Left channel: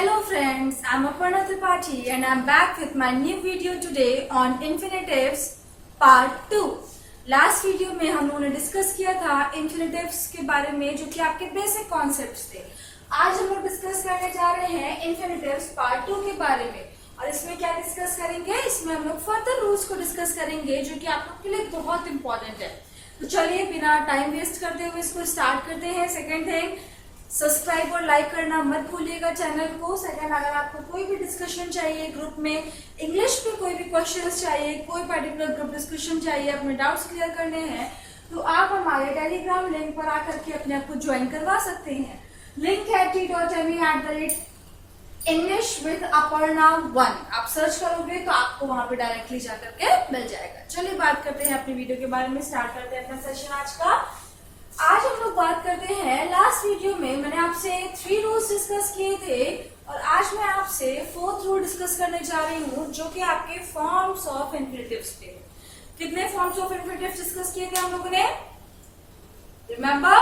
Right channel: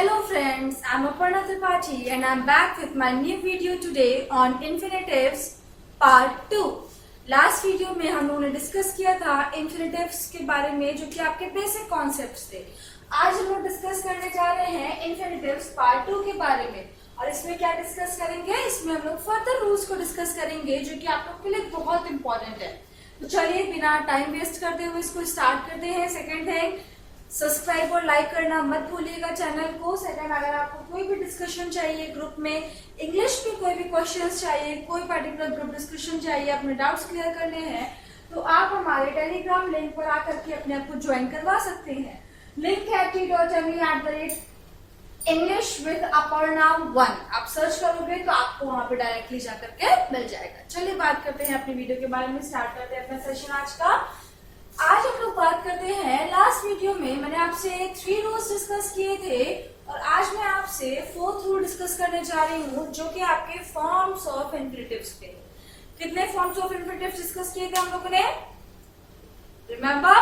Hello friends, I'm Aparna Tripathi and I'm back with my new video today on infinitives part 2. Last video में हम लोगों ने discuss किया था infinitives के बारे में जो कि आपके बेसिक कॉन्सेप्ट्स थे। आज हम लोग डिस्कस करने जा रहे हैं इन्फिनेटिव्स पार्ट 2 के बारे में और इसमें क्या डिस्कस करेंगे, इसमें हम लोग फर्दर रूल्स को डिस्कस करेंगे जो कि आप लोग के लिए बहुत इंपॉर्टेंट है। तो चलिए बिना टाइम वेस्ट करते हुए इसको स्टार्ट करते हैं। सेकेंड थिंग, सब्सक्राइब और लाइक करना मत भूलिएगा चैनल को। सेकंड, अगर आपको कोई भी डिस्कशन चाहिए ग्रुप में, इंग्लिश पे कोई भी क्वेश्चंस चाहिए, कोई पर्टिकुलर ग्रुप डिस्कशन चाहिए, अपने डाउट्स क्लियर करने हैं तो आप हमारे टेलीग्राम लिंक पर आकर के अपने आप को ज्वाइन करवा सकते हैं। लिंक है t.me/English with Aparna 1। आप सर्च करोगे तो आपको वहां पे डायरेक्टली जाकर के मिल जाएगा। चलिए बात करते हैं अपनी वीडियो के बारे में, स्टार्ट करते हैं अपना सेशन आज का। आज हम लोग बात करते हैं, लास्ट वीडियो में मैंने आपसे 3 रूल्स डिस्कस किए थे और आज मैं आपसे 4th रूल डिस्कस करने जा रही हूँ जो कि आपके फॉर्म्स ऑफ इन्फिनेटिव्स पे। कितने फॉर्म्स ऑफ इन्फिनेटिव्स डिस्कस किए थे हम लोगों ने, रिमेम्बर?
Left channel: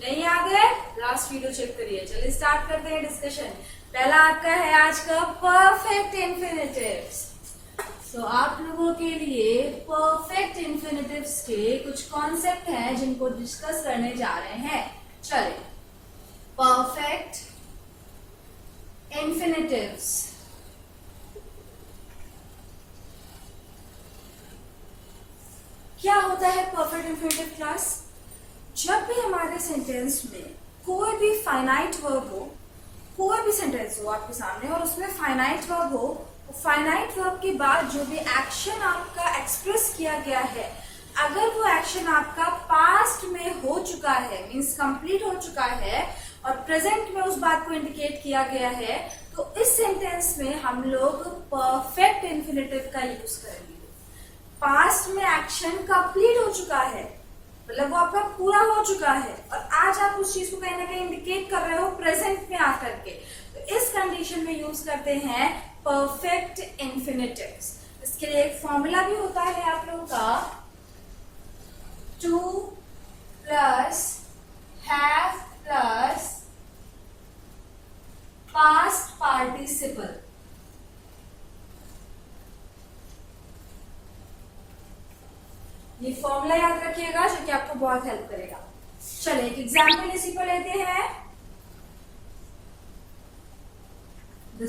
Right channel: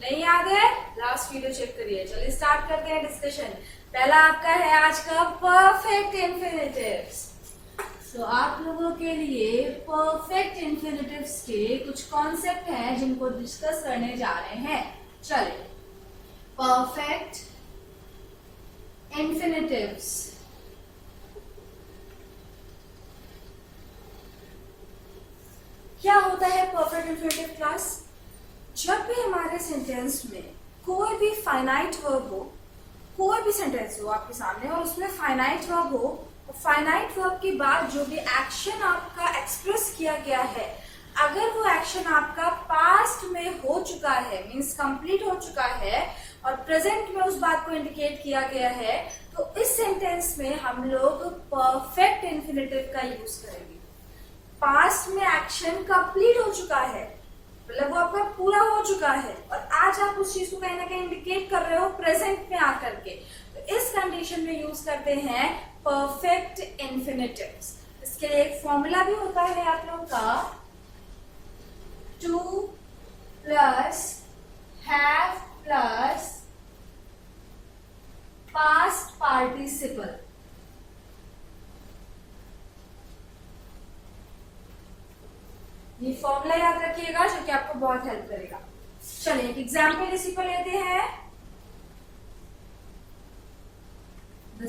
नहीं याद है? लास्ट वीडियो चेक करिए। चलिए स्टार्ट करते हैं डिस्कशन। पहला आपका है आज का परफेक्ट इन्फिनेटिव्स। तो आप लोगों के लिए परफेक्ट इन्फिनेटिव्स के कुछ कॉन्सेप्ट हैं जिनको डिस्कस करने जा रहे हैं। चलिए, परफेक्ट इन्फिनेटिव्स। क्या होता है परफेक्ट इन्फिनेटिव क्लास? जब भी हमारे सेंटेंस में कोई भी फाइनाइट वर्ब हो, कोई भी सेंटेंस हो आपके सामने और उसमें फाइनाइट वर्ब हो, फाइनाइट वर्ब के बाद जो भी एक्शन आपका एक्सप्रेस किया गया है, अगर वो एक्शन आपका पास्ट में हो चुका है, मींस कंप्लीट हो चुका है और प्रेजेंट में उस बात को इंडिकेट किया गया है, तो इस सेंटेंस में हम लोग परफेक्ट इन्फिनेटिव का यूज करेंगे। पास्ट में एक्शन कंप्लीट हो चुका है, मतलब वो आपका पूरा हो चुका है और आज आप उस चीज को कहीं ना कहीं इंडिकेट कर रहे हो प्रेजेंट में आकर के, तो इस कंडीशन में यूज करते हैं परफेक्ट इन्फिनेटिव्स। इसके लिए एक फॉर्मूला भी होता है आप लोगों का, 2 plus have plus past participle. ये फॉर्मूला याद रखिएगा जो कि आपको बहुत हेल्प करेगा। चलिए एक एग्जाम्पल इसी पर लेते हैं। The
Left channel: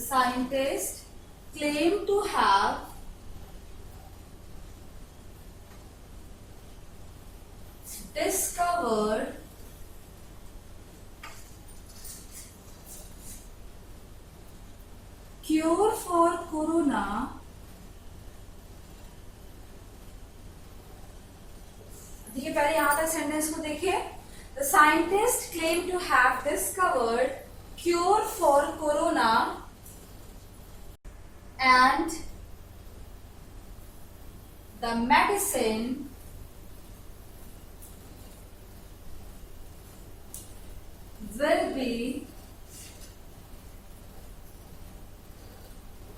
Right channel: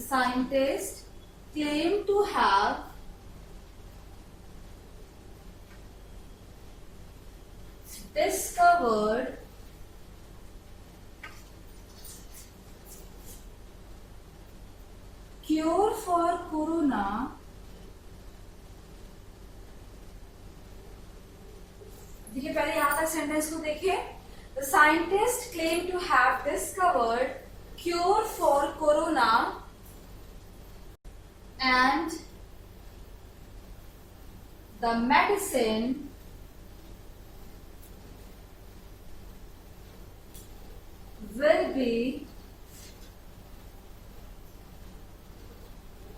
scientist claimed to have discovered cure for corona देखिए, पहले यहां तक सेंटेंस को देखिए। The scientist claim to have discovered cure for corona and the medicine will be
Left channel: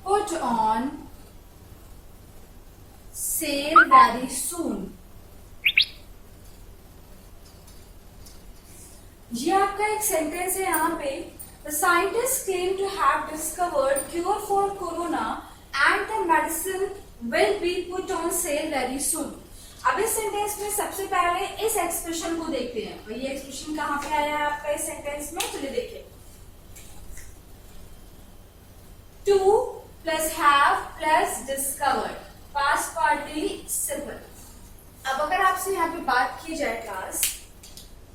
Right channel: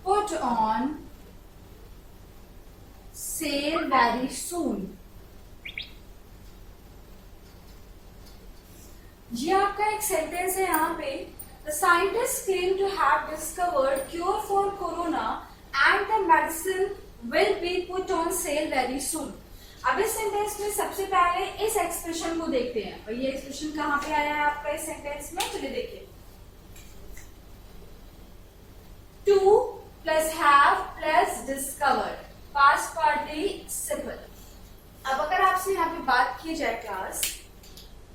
put on sale very soon. ये आपका एक सेंटेंस है यहाँ पे, the scientist claim to have discovered cure for corona and the medicine will be put on sale very soon. अब इस sentence में सबसे पहले इस एक्सप्रेशन को देखते हैं। और ये एक्सप्रेशन कहाँ पे आया है आपका इस सेंटेंस में, चलिए देखिए। 2 plus have plus discovered, past participle. अब अगर आपसे यहाँ पे बात की जाए क्लास,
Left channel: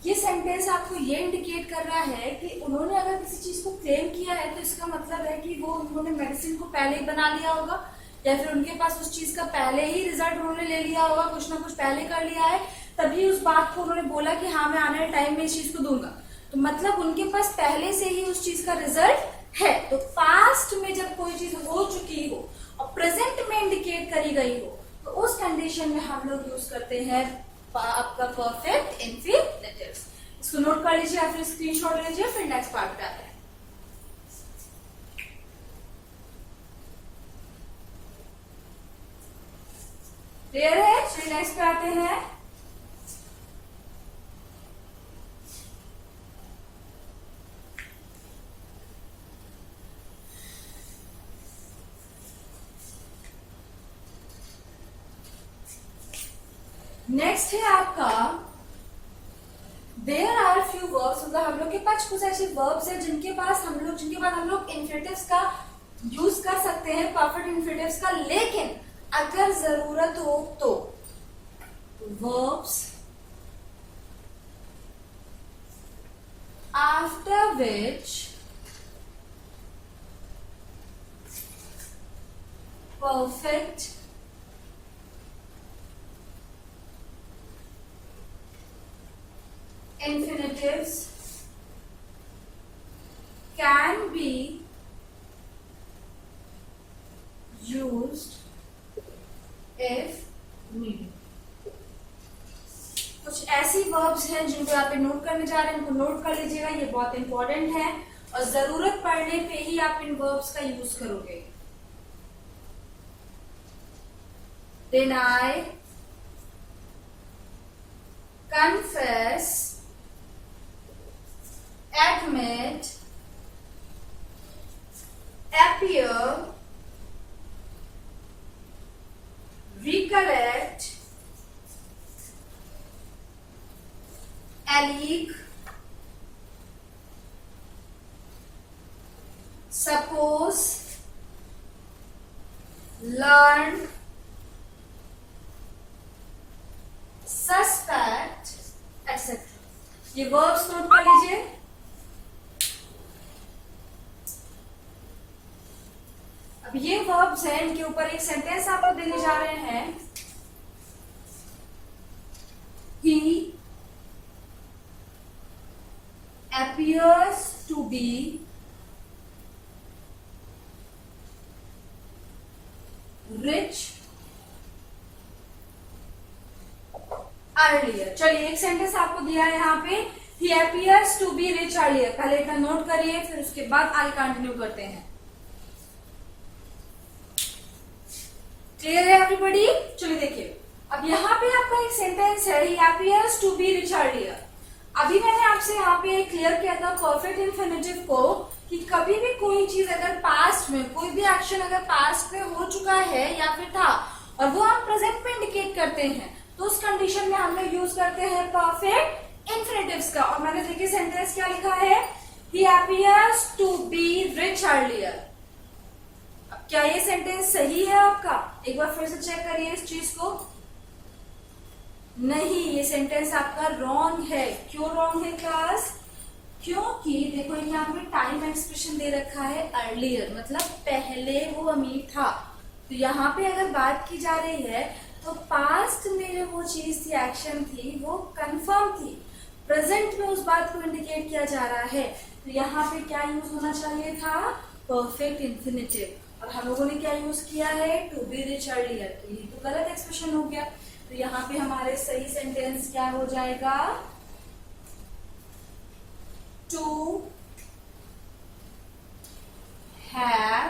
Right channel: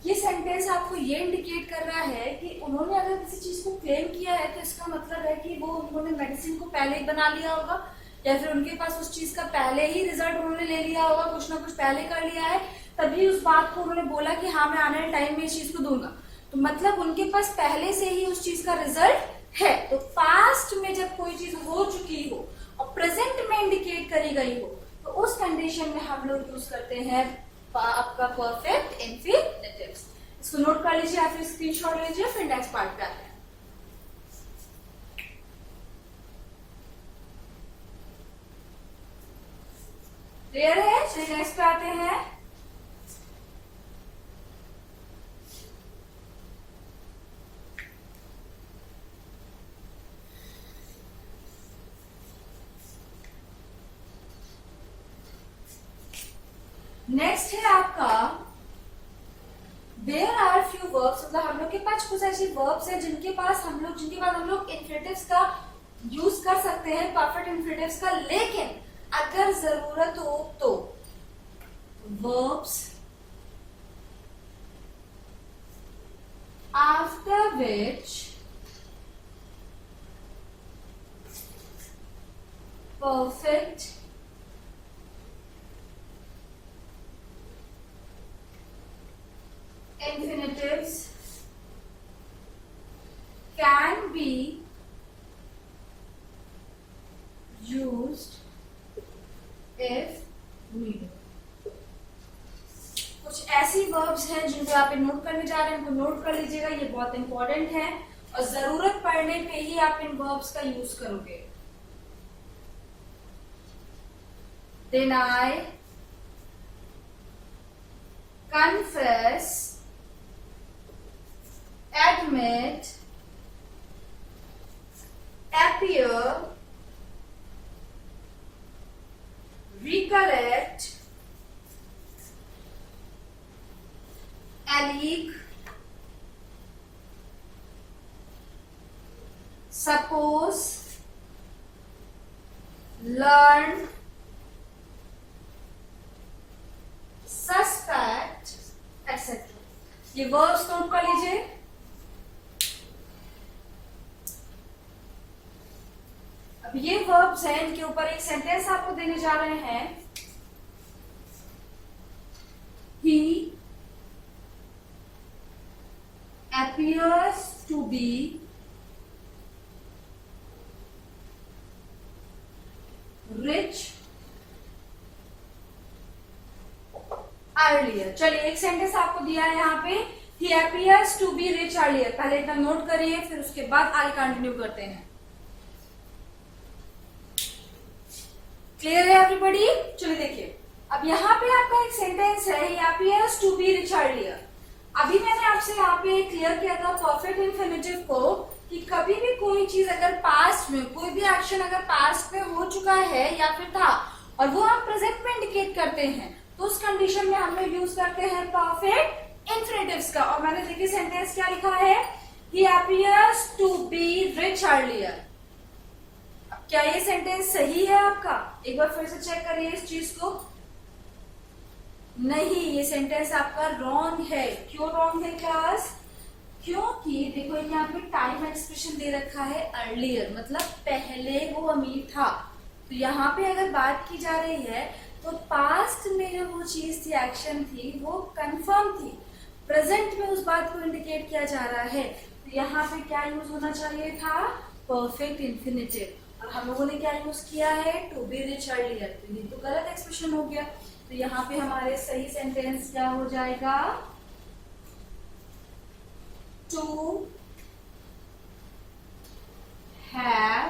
ये सेंटेंस आपको ये इंडिकेट कर रहा है कि उन्होंने अगर किसी चीज को क्लेम किया है तो इसका मतलब है कि वो उन्होंने मेडिसिन को पहले ही बना लिया होगा या फिर उनके पास उस चीज का पहले ही रिजल्ट उन्होंने ले लिया होगा, कुछ ना कुछ पहले कर लिया है, तभी उस बात को उन्होंने बोला कि हाँ मैं आने वाले टाइम में इस चीज को दूंगा। तो मतलब उनके पास पहले से ही उस चीज का रिजल्ट है। तो पास्ट में जब कोई चीज हो चुकी हो और प्रेजेंट में इंडिकेट करी गई हो तो उस कंडीशन में हम लोग यूज करते हैं आपका परफेक्ट इन्फिनेटिव्स। इसको नोट कर लीजिए या फिर स्क्रीनशॉट लीजिए, फिर नेक्स्ट पार्ट पे आते हैं। क्लियर है? चलिए नेक्स्ट पे आते हैं। नेक्स्ट है आपका देयर आर फ्यू वर्ब्स, मतलब हम लोग के पास कुछ ऐसे वर्ब्स है जिनके बाद हम लोग इन्फिनेटिव्स का यूज कर सकते हैं, परफेक्ट इन्फिनेटिव्स का, लेकिन अगर जरूरत हो तो verbs after which perfect infinitives can be used if needed। कुछ ऐसी वर्ब्स हैं जिनको आप नोट करने जा रहे हैं, इनको नोट कर लीजिएगा, ये बहुत इंपॉर्टेंट है और जरूरत पड़ने पे ही आप इन वर्ब्स का यूज करोगे। deny, confess, admit, appear, recollect, allege, suppose, learn, suspect etcetera. ये वर्ब्स नोट कर लीजिए। अब ये वर्ब्स हैं, इनके ऊपर एक सेंटेंस आप लोग देने जा रहे हैं। ही appears to be rich earlier. चलिए एक सेंटेंस आपको दिया है यहाँ पे, he appears to be rich earlier। पहले इतना नोट करिए, फिर उसके बाद आगे कंटिन्यू करते हैं। क्लियर है एवरीबॉडी? चलिए देखिए, अब यहाँ पे आपका एक सेंटेंस है, he appears to be rich earlier। अभी मैंने आपसे यहाँ पे क्लियर किया था परफेक्ट इन्फिनेटिव को कि कभी भी कोई चीज अगर पास्ट में, कोई भी एक्शन अगर पास्ट में हो चुका है या फिर था और वो हम प्रेजेंट में इंडिकेट करते हैं, तो उस कंडीशन में हम लोग यूज करते हैं परफेक्ट इन्फिनेटिव्स का। और मैंने देखिए सेंटेंस क्या लिखा है, he appears to be rich earlier। अब क्या ये सेंटेंस सही है आपका? एक बार फिर से चेक करिए इस चीज को। नहीं, ये सेंटेंस आपका रॉन्ग है। क्यों रॉन्ग है क्लास? क्योंकि देखो यहाँ पे टाइम एक्सप्रेशन दे रखा है अर्लियर, मतलब पहले वो अमीर था। तो यहाँ पे अगर बात की जा रही है तो पास्ट में जो वो चीज थी, एक्शन थी, वो कंफर्म थी। प्रेजेंट में उस बात को इंडिकेट किया जा रहा है, तो यहाँ पे क्या यूज होना चाहिए था? Perfect infinitive. और हम लोगों ने क्या यूज किया है? To be rich earlier. तो ये तो गलत एक्सप्रेशन हो गया। तो यहाँ पे हमारे सही सेंटेंस क्या हो जाएगा? To have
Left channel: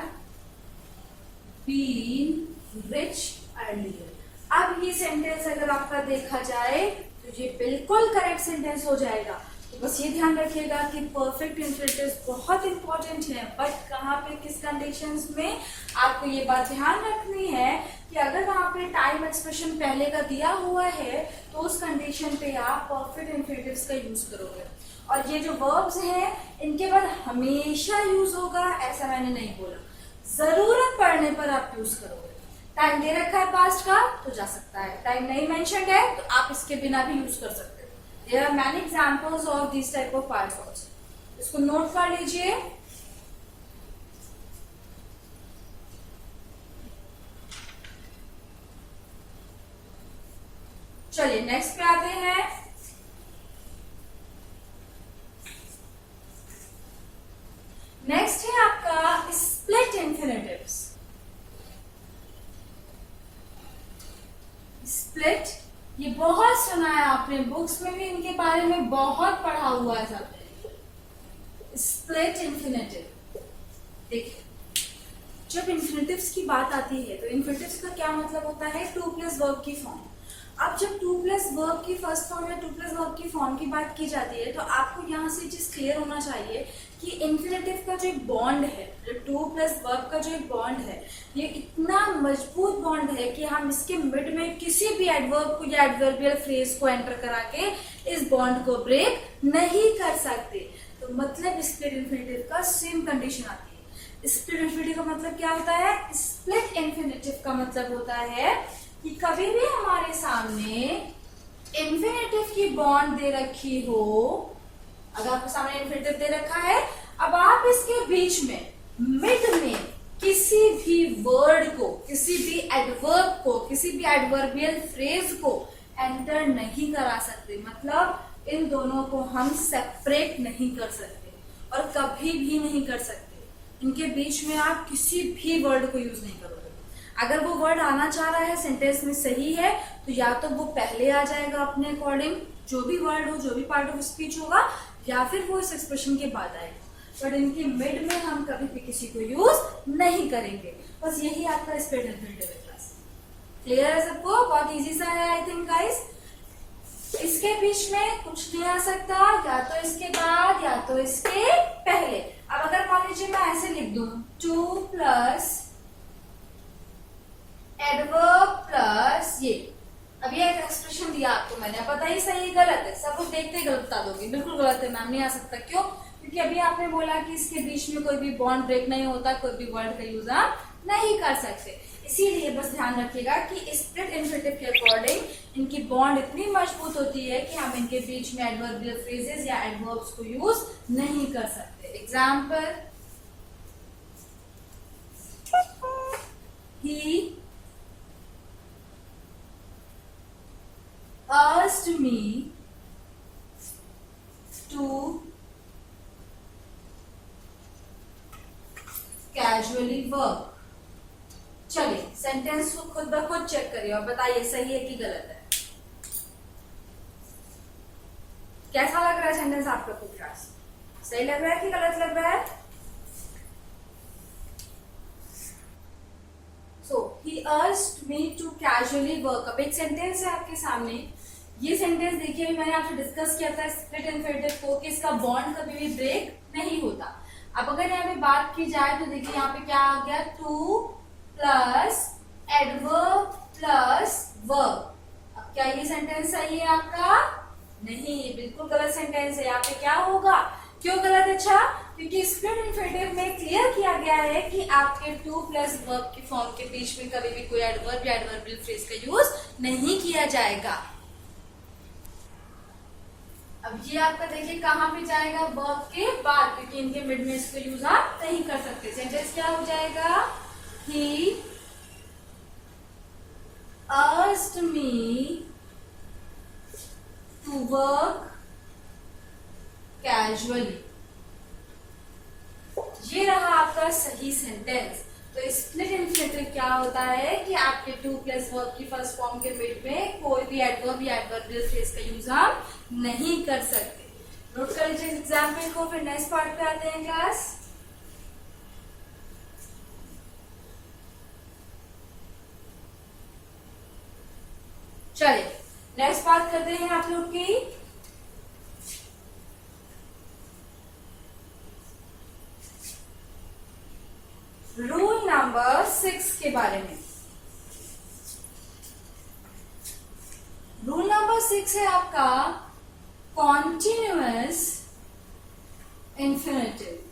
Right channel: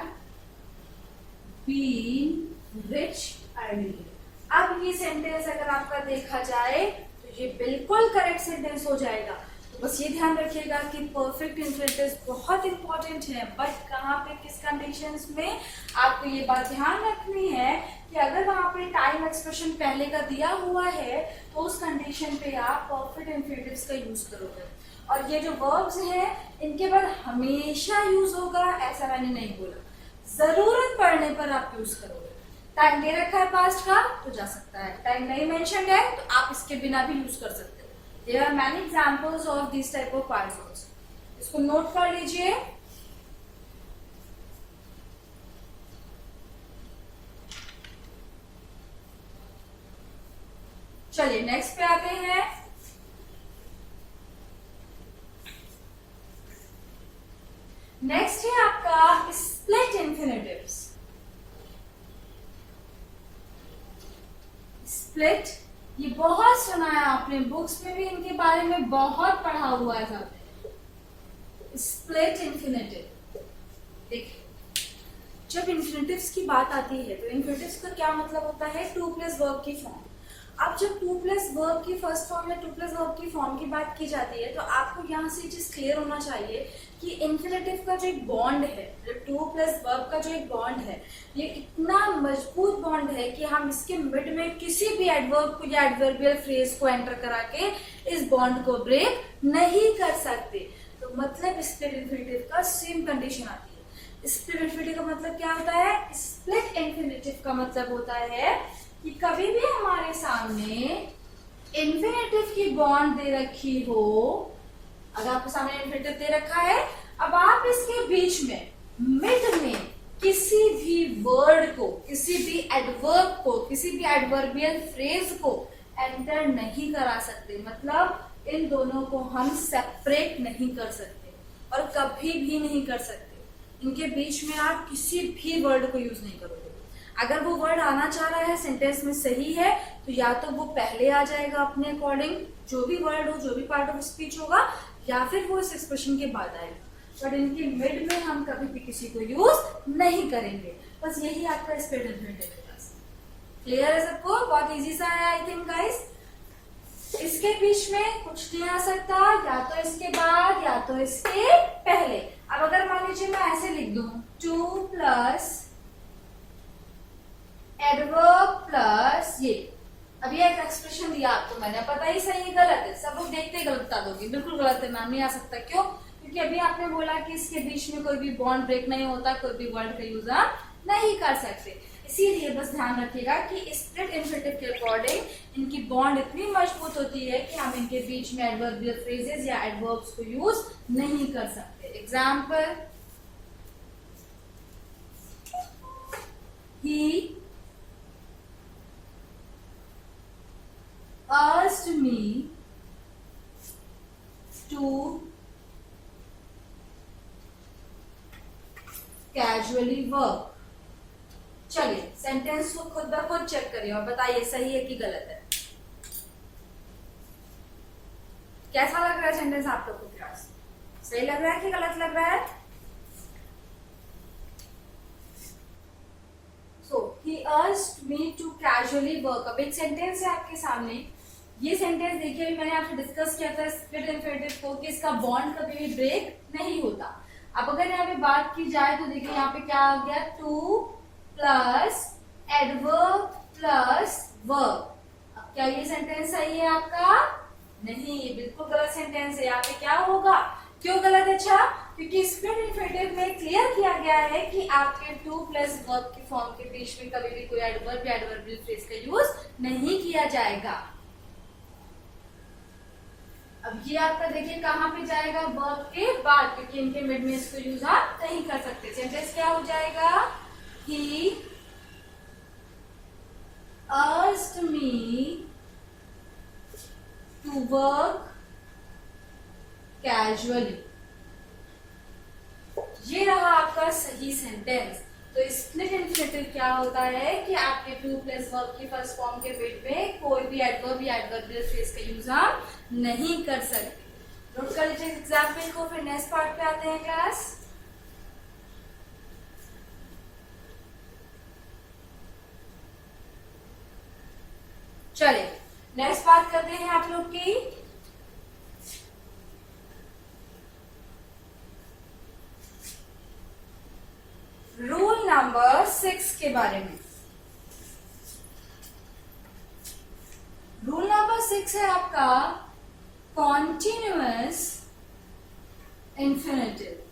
been rich earlier. अब ये सेंटेंस अगर आपका देखा जाए तो ये बिल्कुल करेक्ट सेंटेंस हो जाएगा। तो बस ये ध्यान रखिएगा कि परफेक्ट इन्फिनेटिव्स बहुत इंपॉर्टेंट है, बट कहाँ पे, किस कंडीशंस में आपको ये बात ध्यान रखनी है कि अगर वहां पे टाइम एक्सप्रेशन पहले का दिया हुआ है तो उस कंडीशन पे आप परफेक्ट इन्फिनेटिव्स का यूज करोगे। और ये जो वर्ब्स हैं इनके बाद हमेशा यूज होगा ऐसा मैंने नहीं बोला, जरूरत पड़ने पर आप यूज करोगे। टाइम दे रखा है पास्ट का तो जा सकता है, टाइम नहीं मेंशन्ड है तो आप इसके बिना भी यूज कर सकते हैं। There are many examples of this type of parts also. इसको नोट कर लीजिए। चलिए नेक्स्ट पे आते हैं। नेक्स्ट है आपका स्प्लिट इन्फिनेटिव्स। स्प्लिट, ये बहुत सुना है आपने, बुक्स में भी इनके बारे में बहुत पढ़ा हुआ है सबने। स्प्लिट इन्फिनेटिव देखिए, जब इन्फिनेटिव्स की बात आती है तो इन्फिनेटिव्स का क्या मतलब होता है, टू प्लस वर्ब की फॉर्म। अब जब टू प्लस वर्ब की फर्स्ट फॉर्म या टू प्लस वर्ब की फॉर्म की बात की जाती है तो आपको यहाँ से चीज क्लियर होना चाहिए कि इन्फिनेटिव का जो एक बॉन्ड है, जो टू प्लस वर्ब का जो एक बॉन्ड है, ये इतना मजबूत बॉन्ड है कि हम इसके मिड में किसी भी एडवर्ब को या एडवर्बियल फ्रेज को एंटर करा के इस बॉन्ड को ब्रेक नहीं कर सकते। तो मतलब स्प्लिट इन्फिनेटिव का सेम कंडीशन आती है। स्प्लिट इन्फिनेटिव का मतलब क्या होता है, स्प्लिट इन्फिनेटिव का मतलब होता है कि कभी भी हमारे सामने इन्फिनेटिव की बॉन्ड दे रखी हो, अगर आपके सामने इन्फिनेटिव दे रखा है, अब आप इसके बीच में मिड में किसी भी वर्ड को, किसी भी एडवर्ब को, किसी भी एडवर्बियल फ्रेज को एंटर नहीं करा सकते। मतलब इन दोनों को हम सेपरेट नहीं कर सकते और कभी भी नहीं कर सकते। इनके बीच में आप किसी भी वर्ड को यूज नहीं करोगे। अगर वो वर्ड आना चाह रहा है सेंटेंस में सही है तो या तो वो पहले आ जाएगा अपने अकॉर्डिंग, जो भी वर्ड हो, जो भी पार्ट ऑफ स्पीच होगा, या फिर वो इस एक्सप्रेशन के बाद आएगा। बट इनके मिड में हम कभी भी किसी को यूज नहीं करेंगे। बस यही आपका स्प्लिट इन्फिनेटिव है। क्लास क्लियर है सबको? बहुत इजी सा है आई थिंक गाइस। इसके बीच में कुछ नहीं आ सकता, या तो इसके बाद या तो इसके पहले। अब अगर मान लीजिए मैं ऐसे लिख दूं, टू प्लस एडवर्ब प्लस ये, अब ये एक एक्सप्रेशन दिया आपको मैंने, पता ही सही गलत है, सब लोग देखते ही गलत बता दोगे, बिल्कुल गलत है मैम, नहीं आ सकता। क्यों? क्योंकि अभी आपने बोला कि इसके बीच में कोई भी बॉन्ड ब्रेक नहीं होता, कोई भी वर्ड का यूज आप नहीं कर सकते। इसीलिए बस ध्यान रखिएगा कि स्प्लिट इन्फिनेटिव के अकॉर्डिंग इनकी बॉन्ड इतनी मजबूत होती है कि हम इनके बीच में एडवर्बियल फ्रेजेस या एडवर्ब्स को यूज नहीं कर सकते। Example, he asked me to casually work। चलिए सेंटेंस को खुद ब खुद चेक करिए और बताइए सही है कि गलत है। कैसा लग रहा है सेंटेंस आपको खुद? क्लास सही लग रहा है कि गलत लग रहा है? So he asked me to casually work। अब एक सेंटेंस है आपके सामने, ये सेंटेंस देखिए अभी मैंने आपसे डिस्कस किया था स्प्लिट इन्फिनेटिव को कि इसका बॉन्ड कभी भी ब्रेक नहीं होता। अब अगर यहाँ पे बात की जाए तो देखिए यहाँ पे क्या आ गया, two plus adverb plus verb. अब क्या ये सेंटेंस सही है आपका? नहीं, ये बिल्कुल गलत सेंटेंस है। यहाँ पे क्या होगा? क्यों गलत? अच्छा, क्योंकि स्प्लिट इन्फिनेटिव में क्लियर किया गया है कि आपके टू प्लस वर्ब की फॉर्म के बीच में कभी भी कोई एडवर्ब या एडवर्बियल फ्रेज का यूज नहीं किया जाएगा। अब ये आपका देखिए कहां पे जाएगा? वर्ब के बाद, क्योंकि इनके मिड में इसको यूज आप नहीं कर सकते। सेंटेंस क्या हो जाएगा? ही asked me to work casually। ये रहा आपका सही सेंटेंस। तो स्प्लिट इन्फिनेटिव क्या होता है कि आपके टू प्लस वर्ब की फर्स्ट फॉर्म के मिड में कोई भी एडवर्ब या एडवर्बियल फ्रेज का यूज हम नहीं कर सकते। नोट कर लीजिए एग्जाम्पल को, फिर नेक्स्ट पार्ट पे आते हैं क्लास। चलिए नेक्स्ट बात करते हैं आप लोग की रूल नंबर 6 के बारे में। रूल नंबर 6 है आपका कॉन्टिन्यूअस इन्फिनेटिव।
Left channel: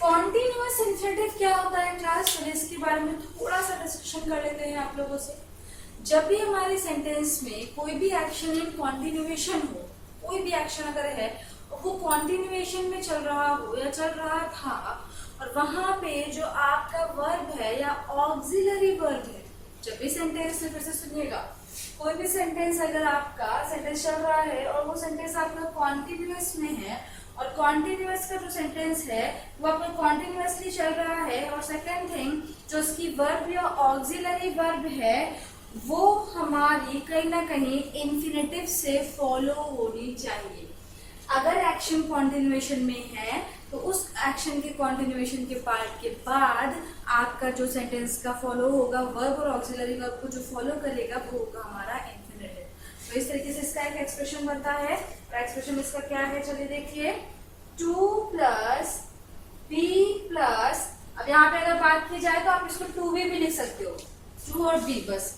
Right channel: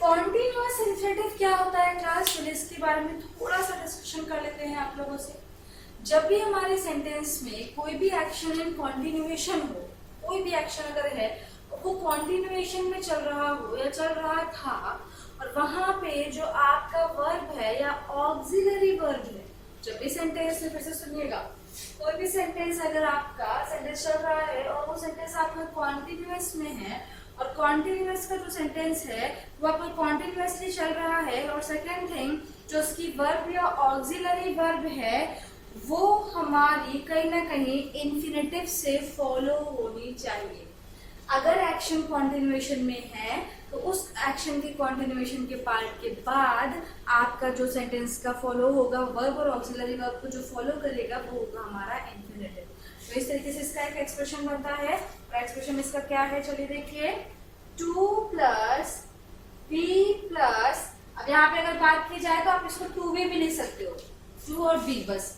कॉन्टिन्यूअस इन्फिनेटिव क्या होता है क्लास? चलिए इसके बारे में थोड़ा सा डिस्कशन कर लेते हैं आप लोगों से। जब भी हमारे सेंटेंस में कोई भी एक्शन इन कॉन्टिन्यूएशन हो, कोई भी एक्शन अगर है वो कॉन्टिन्यूएशन में चल रहा हो या चल रहा था, और वहां पे जो आपका वर्ब है या ऑक्सिलरी वर्ब है, जब भी सेंटेंस में, फिर से सुनिएगा, कोई भी सेंटेंस अगर आपका सेंटेंस चल रहा है और वो सेंटेंस आपका कॉन्टिन्यूअस में है, और कॉन्टिन्यूअस का जो सेंटेंस है वो आपका कॉन्टिन्यूअसली चल रहा है, और सेकेंड थिंग जो उसकी वर्ब या ऑक्सिलरी वर्ब है वो हमारी कहीं ना कहीं इन्फिनेटिव से फॉलो होनी चाहिए। अगर एक्शन कॉन्टिन्यूएशन में है तो उस एक्शन के कॉन्टिन्यूएशन के पार्ट के बाद आपका जो सेंटेंस का फॉलो होगा वर्ब और ऑक्सिलरी वर्ब को जो फॉलो करेगा वो होगा हमारा इन्फिनेटिव। तो इस तरीके से इसका एक एक्सप्रेशन बनता है। और एक्सप्रेशन इसका क्या है, चलिए देखिए, 2 प्लस बी प्लस, अब यहाँ पे अगर बात की जाए तो आप इसको 2b भी लिख सकते हो, 2 और b बस,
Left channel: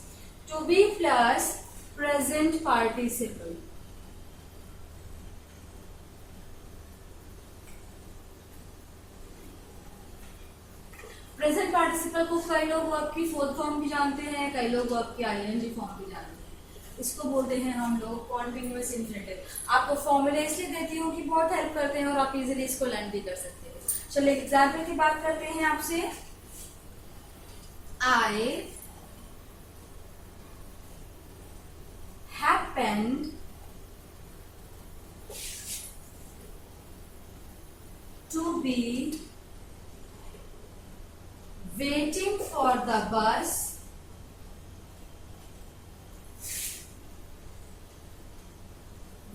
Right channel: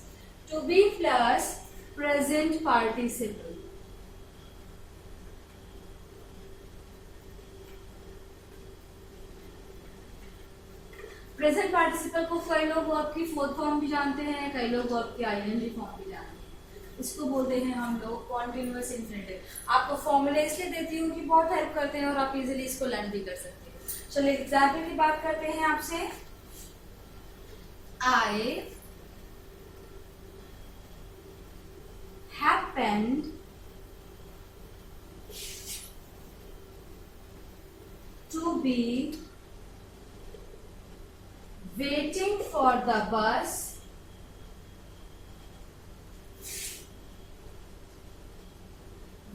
2b plus present participle. Present participle को कई लोग वर्ब की फोर्थ फॉर्म भी जानते हैं, कई लोग वर्ब की आईएनजी फॉर्म भी जानते हैं। इसको बोलते हैं हम लोग कॉन्टिन्यूअस इन्फिनेटिव। आपको फॉर्मूले इसलिए देती हूँ कि बहुत हेल्प करते हैं और आप इजीली इसको लर्न भी कर सकते हैं। चलो एग्जाम्पल की बात करते हैं आपसे। I happened to be waiting for the bus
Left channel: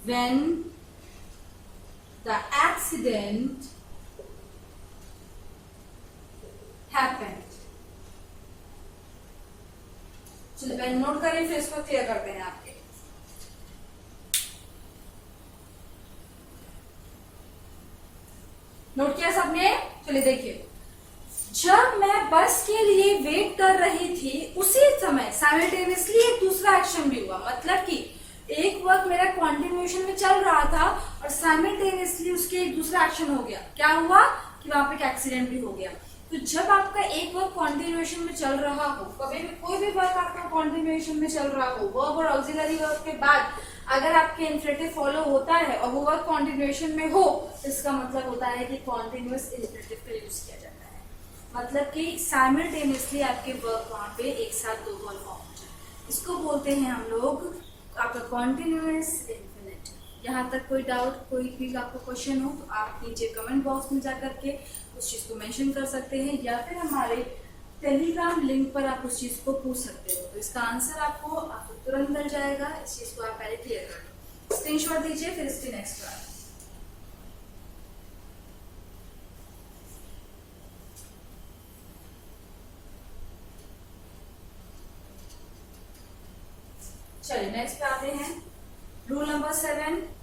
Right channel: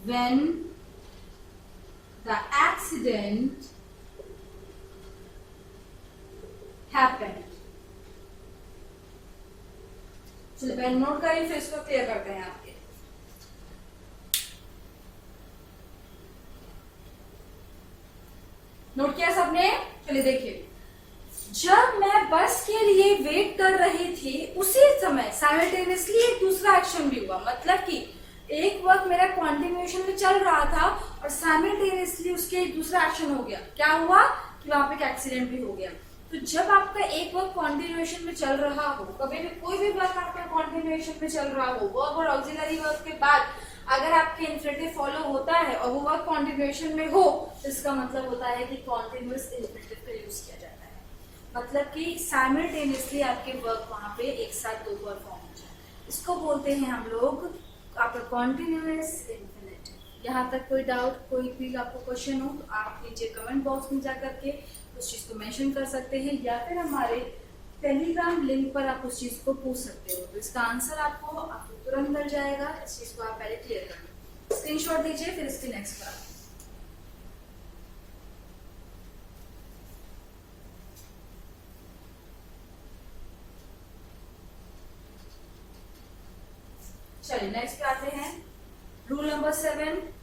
when the accident happened। चलिए पहले नोट करिए, फिर इसको क्लियर करते हैं आपके। नोट किया सबने? चलिए देखिए, जब मैं बस के लिए वेट कर रही थी उसी समय साइमल्टेनियसली एक दूसरा एक्शन भी हुआ। मतलब कि एक वर्क मेरा कॉन्टिन्यूएशन में चल रहा था और साइमल्टेनियसली उसके एक दूसरा एक्शन हो गया। क्या हुआ कि वहां पे एक एक्सीडेंट भी हो गया। तो जब आपका एक वर्क कॉन्टिन्यूएशन में चल रहा हो, कभी भी कोई भी वर्क आपका कॉन्टिन्यूएशन में चल रहा हो, वर्ब और ऑक्सिलरी वर्ब के बाद अगर आपके इन्फिनेटिव फॉलो होता है और वो वर्क कॉन्टिन्यूएशन में हो तो इसका मतलब होता है कि कॉन्टिन्यूअस इन्फिनेटिव का यूज किया जाता है। मतलब कि साइमल्टेनियसली आपके वर्क वहां पे एक साथ दो वर्क फॉर्म हो जाए। इसको बोलते हैं हम लोग आपका कॉन्टिन्यूअस इन्फिनेटिव। यहाँ तक कोई डाउट, कोई भी आपको क्वेश्चन हो तो आप नीचे कमेंट बॉक्स में जाकर के उस चीज को मेंशन कर सकते हैं या फिर हमारे टेलीग्राम लिंक पर आप उस चीज को पूछ सकते हो। तो इसका आंसर आपको तुरंत मिल जाएगा। इस चीज को आप पहले क्लियर कर लो, स्क्रीनशॉट दीजिए, फिर इसके नेक्स्ट बार। चलिए नेक्स्ट पे आते हैं। रूल नंबर 7,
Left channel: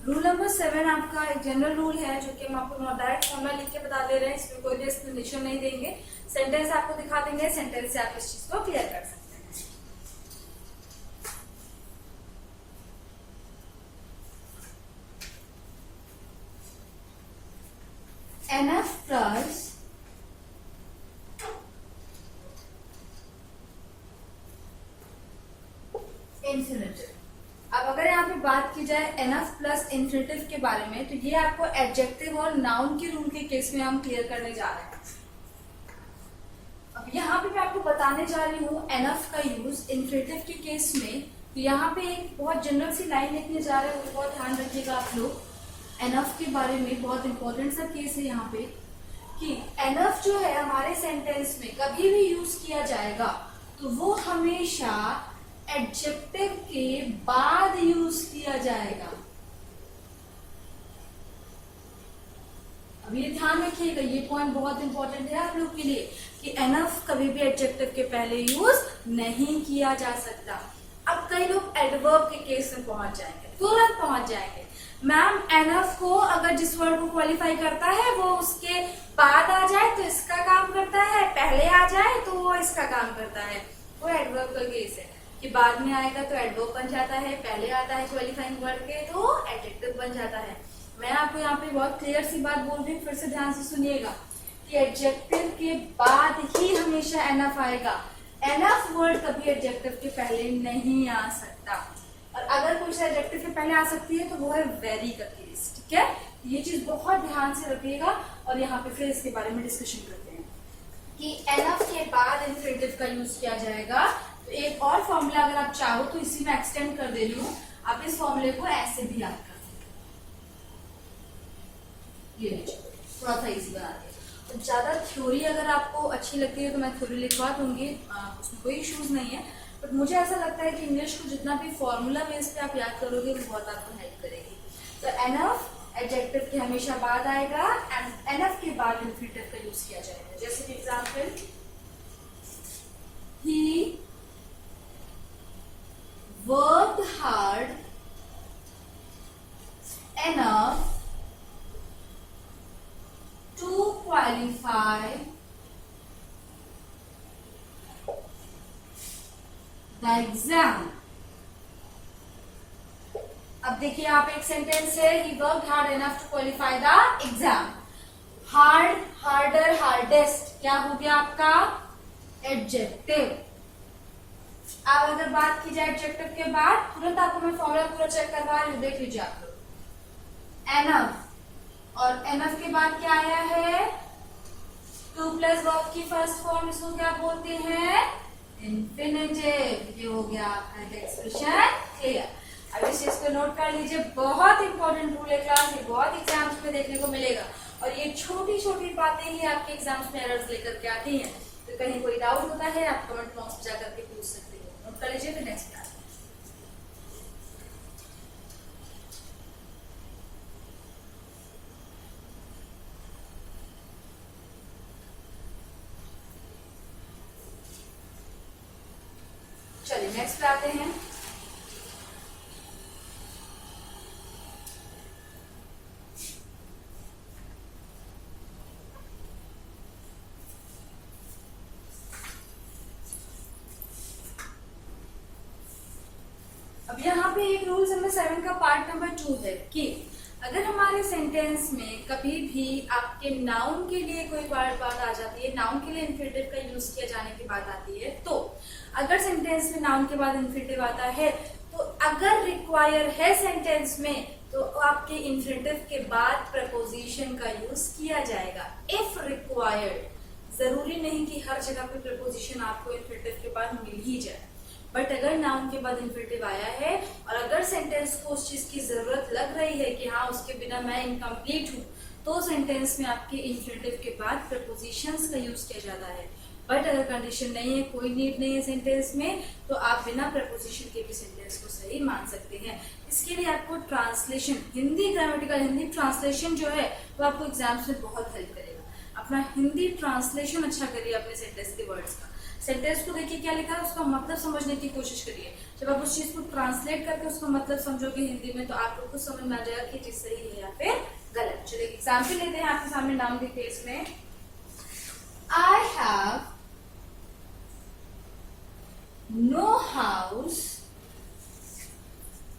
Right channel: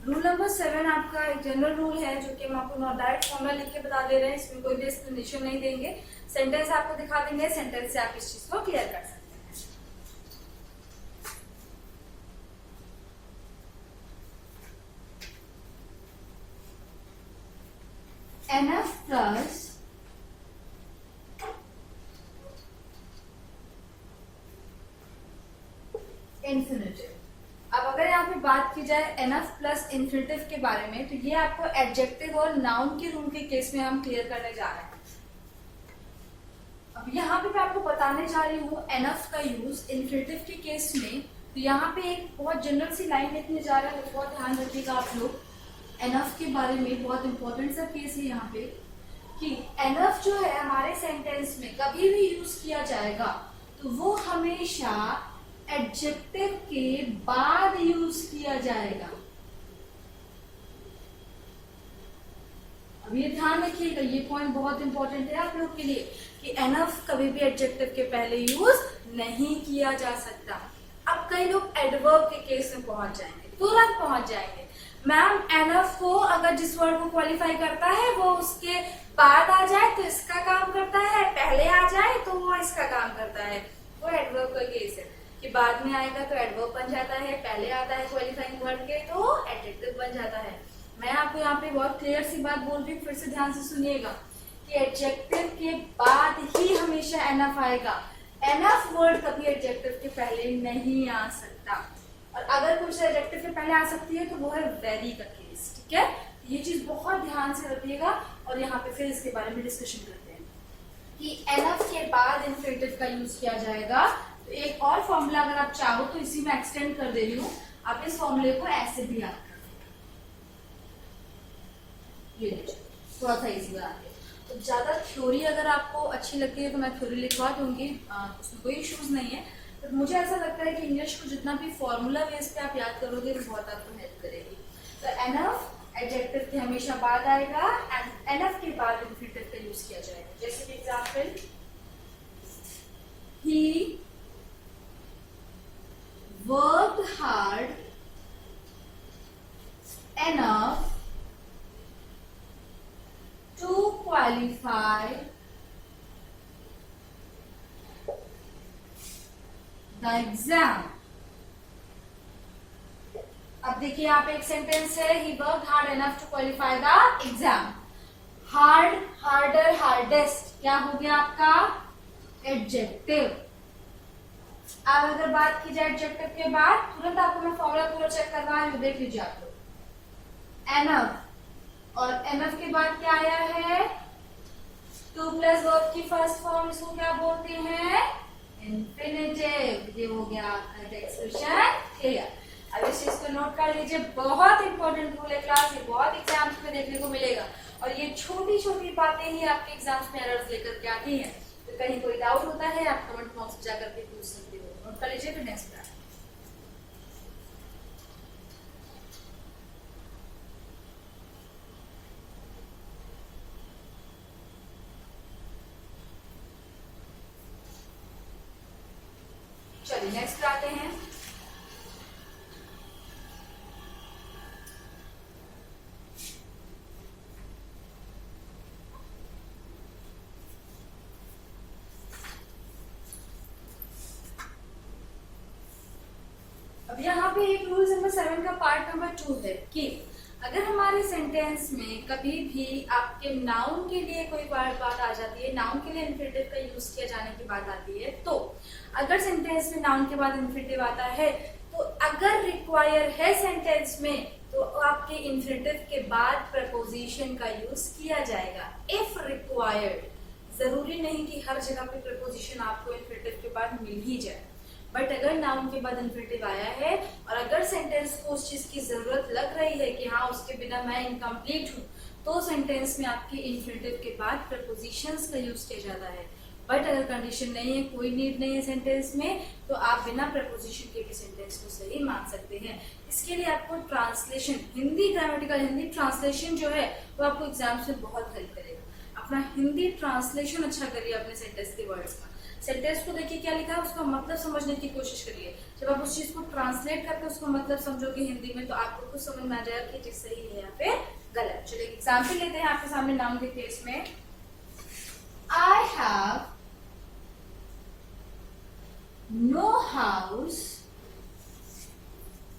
रूल नंबर 7 आपका एक जनरल रूल है जो कि हम आपको डायरेक्ट फॉर्मूला लिख के बता दे रहे हैं। इसमें कोई भी एक्सप्लेनेशन नहीं देंगे, सेंटेंस आपको दिखा देंगे, सेंटेंस से आप इस चीज को क्लियर कर सकते हैं। NF plus infinitive. अब अगर यहाँ पे बात की जाए एनफ प्लस इन्फिनेटिव के बारे में तो ये आपको एडजेक्टिव और नाउन के रूल के केस में हम क्लियर करने जा रहे हैं। अब यहाँ पे मैं आपको बताने जा रही हूँ एनफ का यूज इन्फिनेटिव के केस में। तो यहाँ पे एक बहुत जनरल सी लाइन लिखने जा रहे हैं, वो बहुत ध्यान रखिएगा आप लोग। एनफ के बारे में बहुत इंपॉर्टेंट सा केस है यहाँ पे कि एनफ जो है हमारे सेंटेंस में कभी भी यूज किया जाएगा तो वो हमेशा एडजेक्टिव के बाद यूज किया जाएगा। अब ये ध्यान रखिएगा, ये पॉइंट बहुत इंपॉर्टेंट है आप लोग के लिए कि एनफ कभी भी एडजेक्टिव के पहले यूज नहीं किया जा सकता। अब कई लोग एडवर्ब के केस में पहुंच जाएंगे, तुरंत पहुंच जाएंगे। मैम एनफ को अगर जिस वर्ड को क्वालिफाई करता है वो उसके बाद आ जाए तो इसका काम करता है, पहले आ जाए तो वो इसका काम करता है। वो एडवर्ब का केस है कि बाद में आएगा तो एडवर्ब बन जाता है, पहले आता है क्वालिफाइंग वर्ड के तो एडजेक्टिव बन जाता है। मैं आपको यहाँ पे बहुत क्लियर सी बात बोल रही हूँ, फिर से ध्यान से सुनिएगा कि एडजेक्टिव के बाद ही हमेशा एनफ आएगा। एनफ वर्ड कभी एडजेक्टिव के पहले नहीं आ सकता, और अगर कुछ एडजेक्टिव के पहले आ सकती है तो वो है वेरी का केस। ठीक है, ये चीज बहुत ध्यान से रखिएगा और यहाँ पे फिर इसके बारे में डिस्कशन करते हैं कि एनफ के बाद इन्फिनेटिव का यूज किया जाएगा। तो एक और फॉर्मूला अगर आप चाहो तो इसी में एक्सटेंड कर दे रही हूँ, आप इस फॉर्मूले को ऐसे भी याद कर सकते, ये लीजिए थोड़ा सा इजी बनाते हैं। तो ज्यादा थ्योरी अगर आपको अच्छी लगती है तो मैं थ्योरी लिखवा दूंगी, उसमें कोई इश्यूज नहीं है, बट मुझे ऐसा लगता है कि इंग्लिश को जितना भी फॉर्मूला बेस पे आप याद करोगे वो बहुत आपको हेल्प करेगी। तो एनफ एडजेक्टिव के हमेशा बाद आएगा एंड एनफ के बाद इन्फिनेटिव का यूज किया जाएगा। जैसे कि example, he worked hard enough to qualify the exam। अब देखिए आप एक सेंटेंस है, he worked hard enough to qualify the exam। Hard, harder, hardest क्या हो गया आपका एडजेक्टिव। अब अगर बात की जाए एडजेक्टिव के बाद, तुरंत आपको मैं फॉर्मूला पूरा चेक करवा रही हूँ, देख लीजिए आप लोग। एनफ और एनफ के बाद क्या आया है, टू प्लस वर्ब की फर्स्ट फॉर्म, इसको क्या बोलते हैं इन्फिनेटिव। ये हो गया आपका एक्सप्रेशन क्लियर। अब इस चीज को नोट कर लीजिए, बहुत इंपॉर्टेंट रूल है क्लास, ये बहुत एग्जाम्स में देखने को मिलेगा और ये छोटी छोटी बातें ही आपके एग्जाम्स में एरर्स लेकर के आती हैं। तो कहीं कोई डाउट होता है आप कमेंट बॉक्स में जाकर के पूछ सकते हो। नोट कर लीजिए। फिर नेक्स्ट क्लास चलिए नेक्स्ट पे आते हैं। अब यहाँ पे एक रूल नंबर 7 का पार्ट नंबर 2 है कि अगर हमारे सेंटेंस में कभी भी आपके नाउन के लिए कोई बात आ जाती है, नाउन के लिए इन्फिनेटिव का यूज किया जाने की बात आती है, तो अगर सेंटेंस में नाउन के बाद इन्फिनेटिव आता है तो अगर रिक्वायर है सेंटेंस में तो आपके इन्फिनेटिव के बाद प्रपोजिशन का यूज किया जाएगा। इफ रिक्वायर्ड, जरूरी नहीं कि हर जगह पे प्रपोजिशन आपको इन्फिनेटिव के बाद मिल ही जाए, बट अगर नाउन के बाद इन्फिनेटिव आया है और अगर सेंटेंस को उस चीज की जरूरत लग रही है कि हाँ उसके बिना मैं इनकम्प्लीट हूँ, तो सेंटेंस में आपके इन्फिनेटिव के बाद प्रपोजिशंस का यूज किया जाता है। बट अगर कंडीशन नहीं है, कोई नीड नहीं है सेंटेंस में, तो आप बिना प्रपोजिशन के भी सेंटेंस को सही मान सकते हैं। इसके लिए आपको translation, Hindi grammatical Hindi translation जो है वो आपको एग्जाम्स में बहुत हेल्प करेगा। अपना हिंदी ट्रांसलेशन अच्छा करिए अपने सेंटेंस के वर्ड्स का। सेंटेंस को देखिए क्या लिखा है, उसका मतलब समझने की कोशिश करिए। जब आप उस चीज को ट्रांसलेट करके उसका मतलब समझोगे हिंदी में, तो आपको कुछ समझ में आ जाएगा कि चीज सही है या फिर गलत। चलिए एग्जाम्पल लेते हैं, आपके सामने नाम देखिए इसमें, I have no house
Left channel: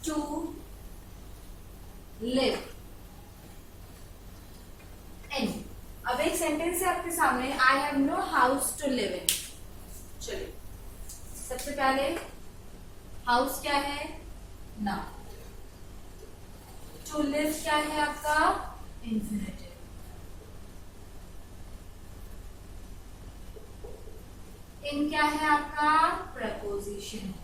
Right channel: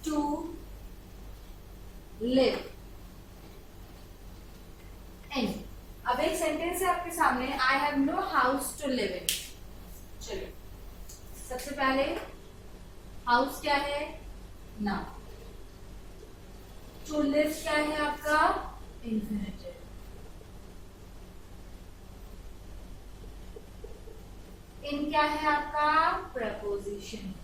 to live in. अब एक सेंटेंस है आपके सामने, I have no house to live in. चलिए सबसे पहले हाउस क्या है, नाउन, टू लिव क्या है आपका इन्फिनेटिव, इन क्या है आपका प्रपोजिशन।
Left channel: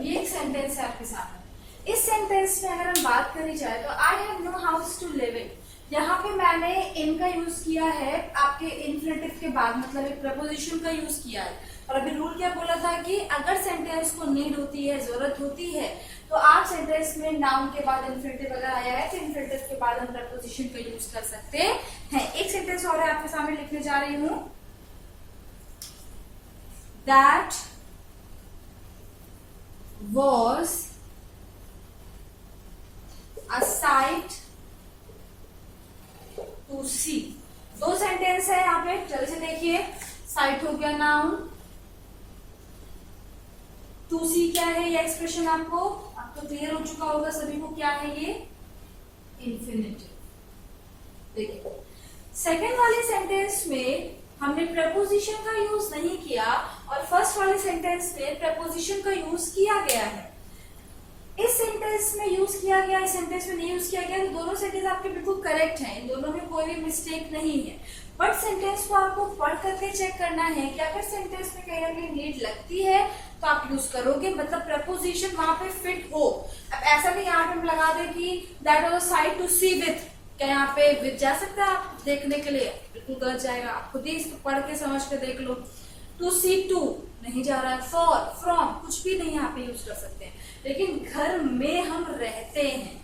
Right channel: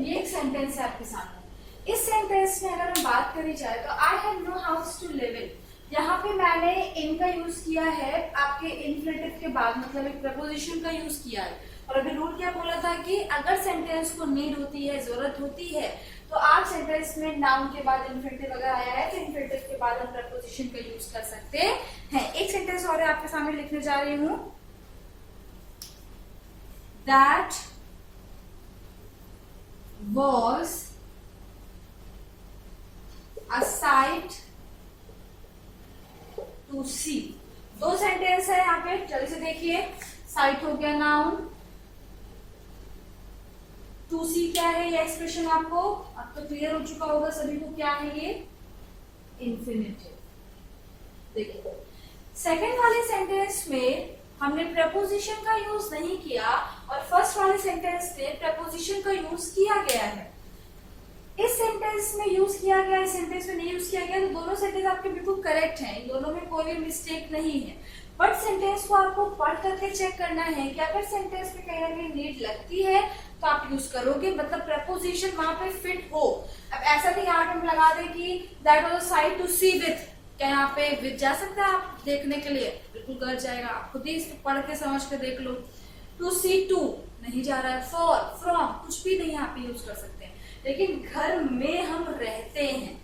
ये एक सेंटेंस है आपके सामने। इस सेंटेंस में अगर हम बात करी जाए तो I have no house to live in, यहाँ पे मैंने इन का यूज किया है आपके इन्फिनेटिव के बाद, मतलब एक प्रपोजिशन का यूज किया है। और अभी रूल क्या बोला था कि अगर सेंटेंस को नीड होती है, जरूरत होती है, तो आप सेंटेंस में नाउन के बाद इन्फिनेटिव अगर आया है तो इन्फिनेटिव के बाद हम प्रपोजिशन का यूज कर सकते हैं। एक सेंटेंस और है आपके सामने लिखने जा रही हूं, that was a sight to see. दो सेंटेंस है यहाँ पे, जल्दी से देखिए। साइट हो गया नाउन, टू सी क्या है ये एक्सप्रेशन आपको अब तो क्लियर हो चुका होगा सभी को, क्या है ये इन्फिनेटिव। देखिए सेकंड वाले सेंटेंस में हमने प्रपोजिशन का यूज नहीं किया और फर्स्ट वाले सेंटेंस में प्रपोजिशन का यूज किया गया है। इस सेंटेंस में यूज किया गया, इस सेंटेंस में नहीं यूज किया गया, तो दोनों सेंटेंस आपके बिल्कुल करेक्ट हैं, इन दोनों में कोई भी मिस्टेक नहीं है। बट सेंटेंस को आपको पढ़ करके चेक करना है कि अगर सेंटेंस में कहीं ना कहीं नीड लगती है तो आप यूज करोगे, मतलब प्रपोजिशन वहां पे फिट हो। अब ऐसा नहीं यहाँ पे हम लगा दे कि that was a sight to see with, क्या यहाँ पे विथ जा सकता है आप देखने के लिए? बिल्कुल गलत जाएगा, आप खुद ही इसको पढ़ के समझ के देख लो। टू सी टू नहीं जा रहा है, फॉर फ्रॉम कुछ भी नहीं यहाँ पे यूज कर सकते हैं। लेकिन घर में हम रहते हैं,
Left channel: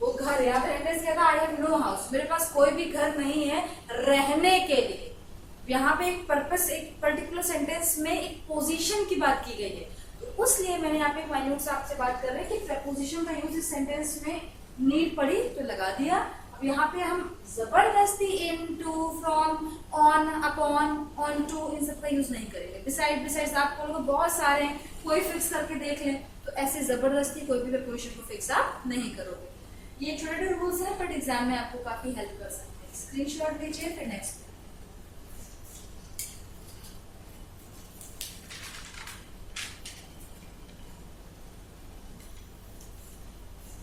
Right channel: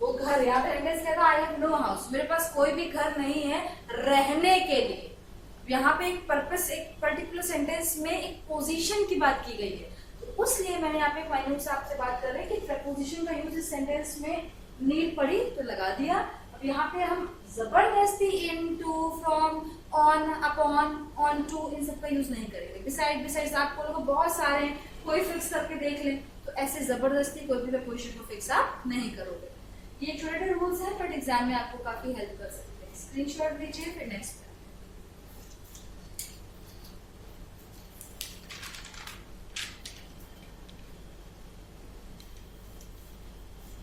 वो घर, यहाँ पे सेंटेंस क्या था, आई हैव नो हाउस, मेरे पास कोई भी घर नहीं है रहने के लिए। यहाँ पे एक पर्पस, एक पर्टिकुलर सेंटेंस में एक पोजीशन की बात की गई है, तो उसलिए मैंने यहाँ पे माइन्यूट से आपसे बात कर रहे हैं कि प्रपोजिशन का यूज इस सेंटेंस में नीड पड़ी तो लगा दिया। अब यहाँ पे हम जबरदस्ती in, to, from, on, upon, on to, इन सब का यूज नहीं करेंगे। बिसाइड आपको लोग बहुत सारे हैं, कोई फिक्स करके देख लें, तो ऐसे जबरदस्ती कोई भी प्रपोजिशन को फिक्स आप नहीं करोगे। ये छोटे छोटे रूल्स हैं, बट एग्जाम में आपको काफी हेल्प कर सकते हैं। स्क्रीनशॉट लीजिए, फिर नेक्स्ट।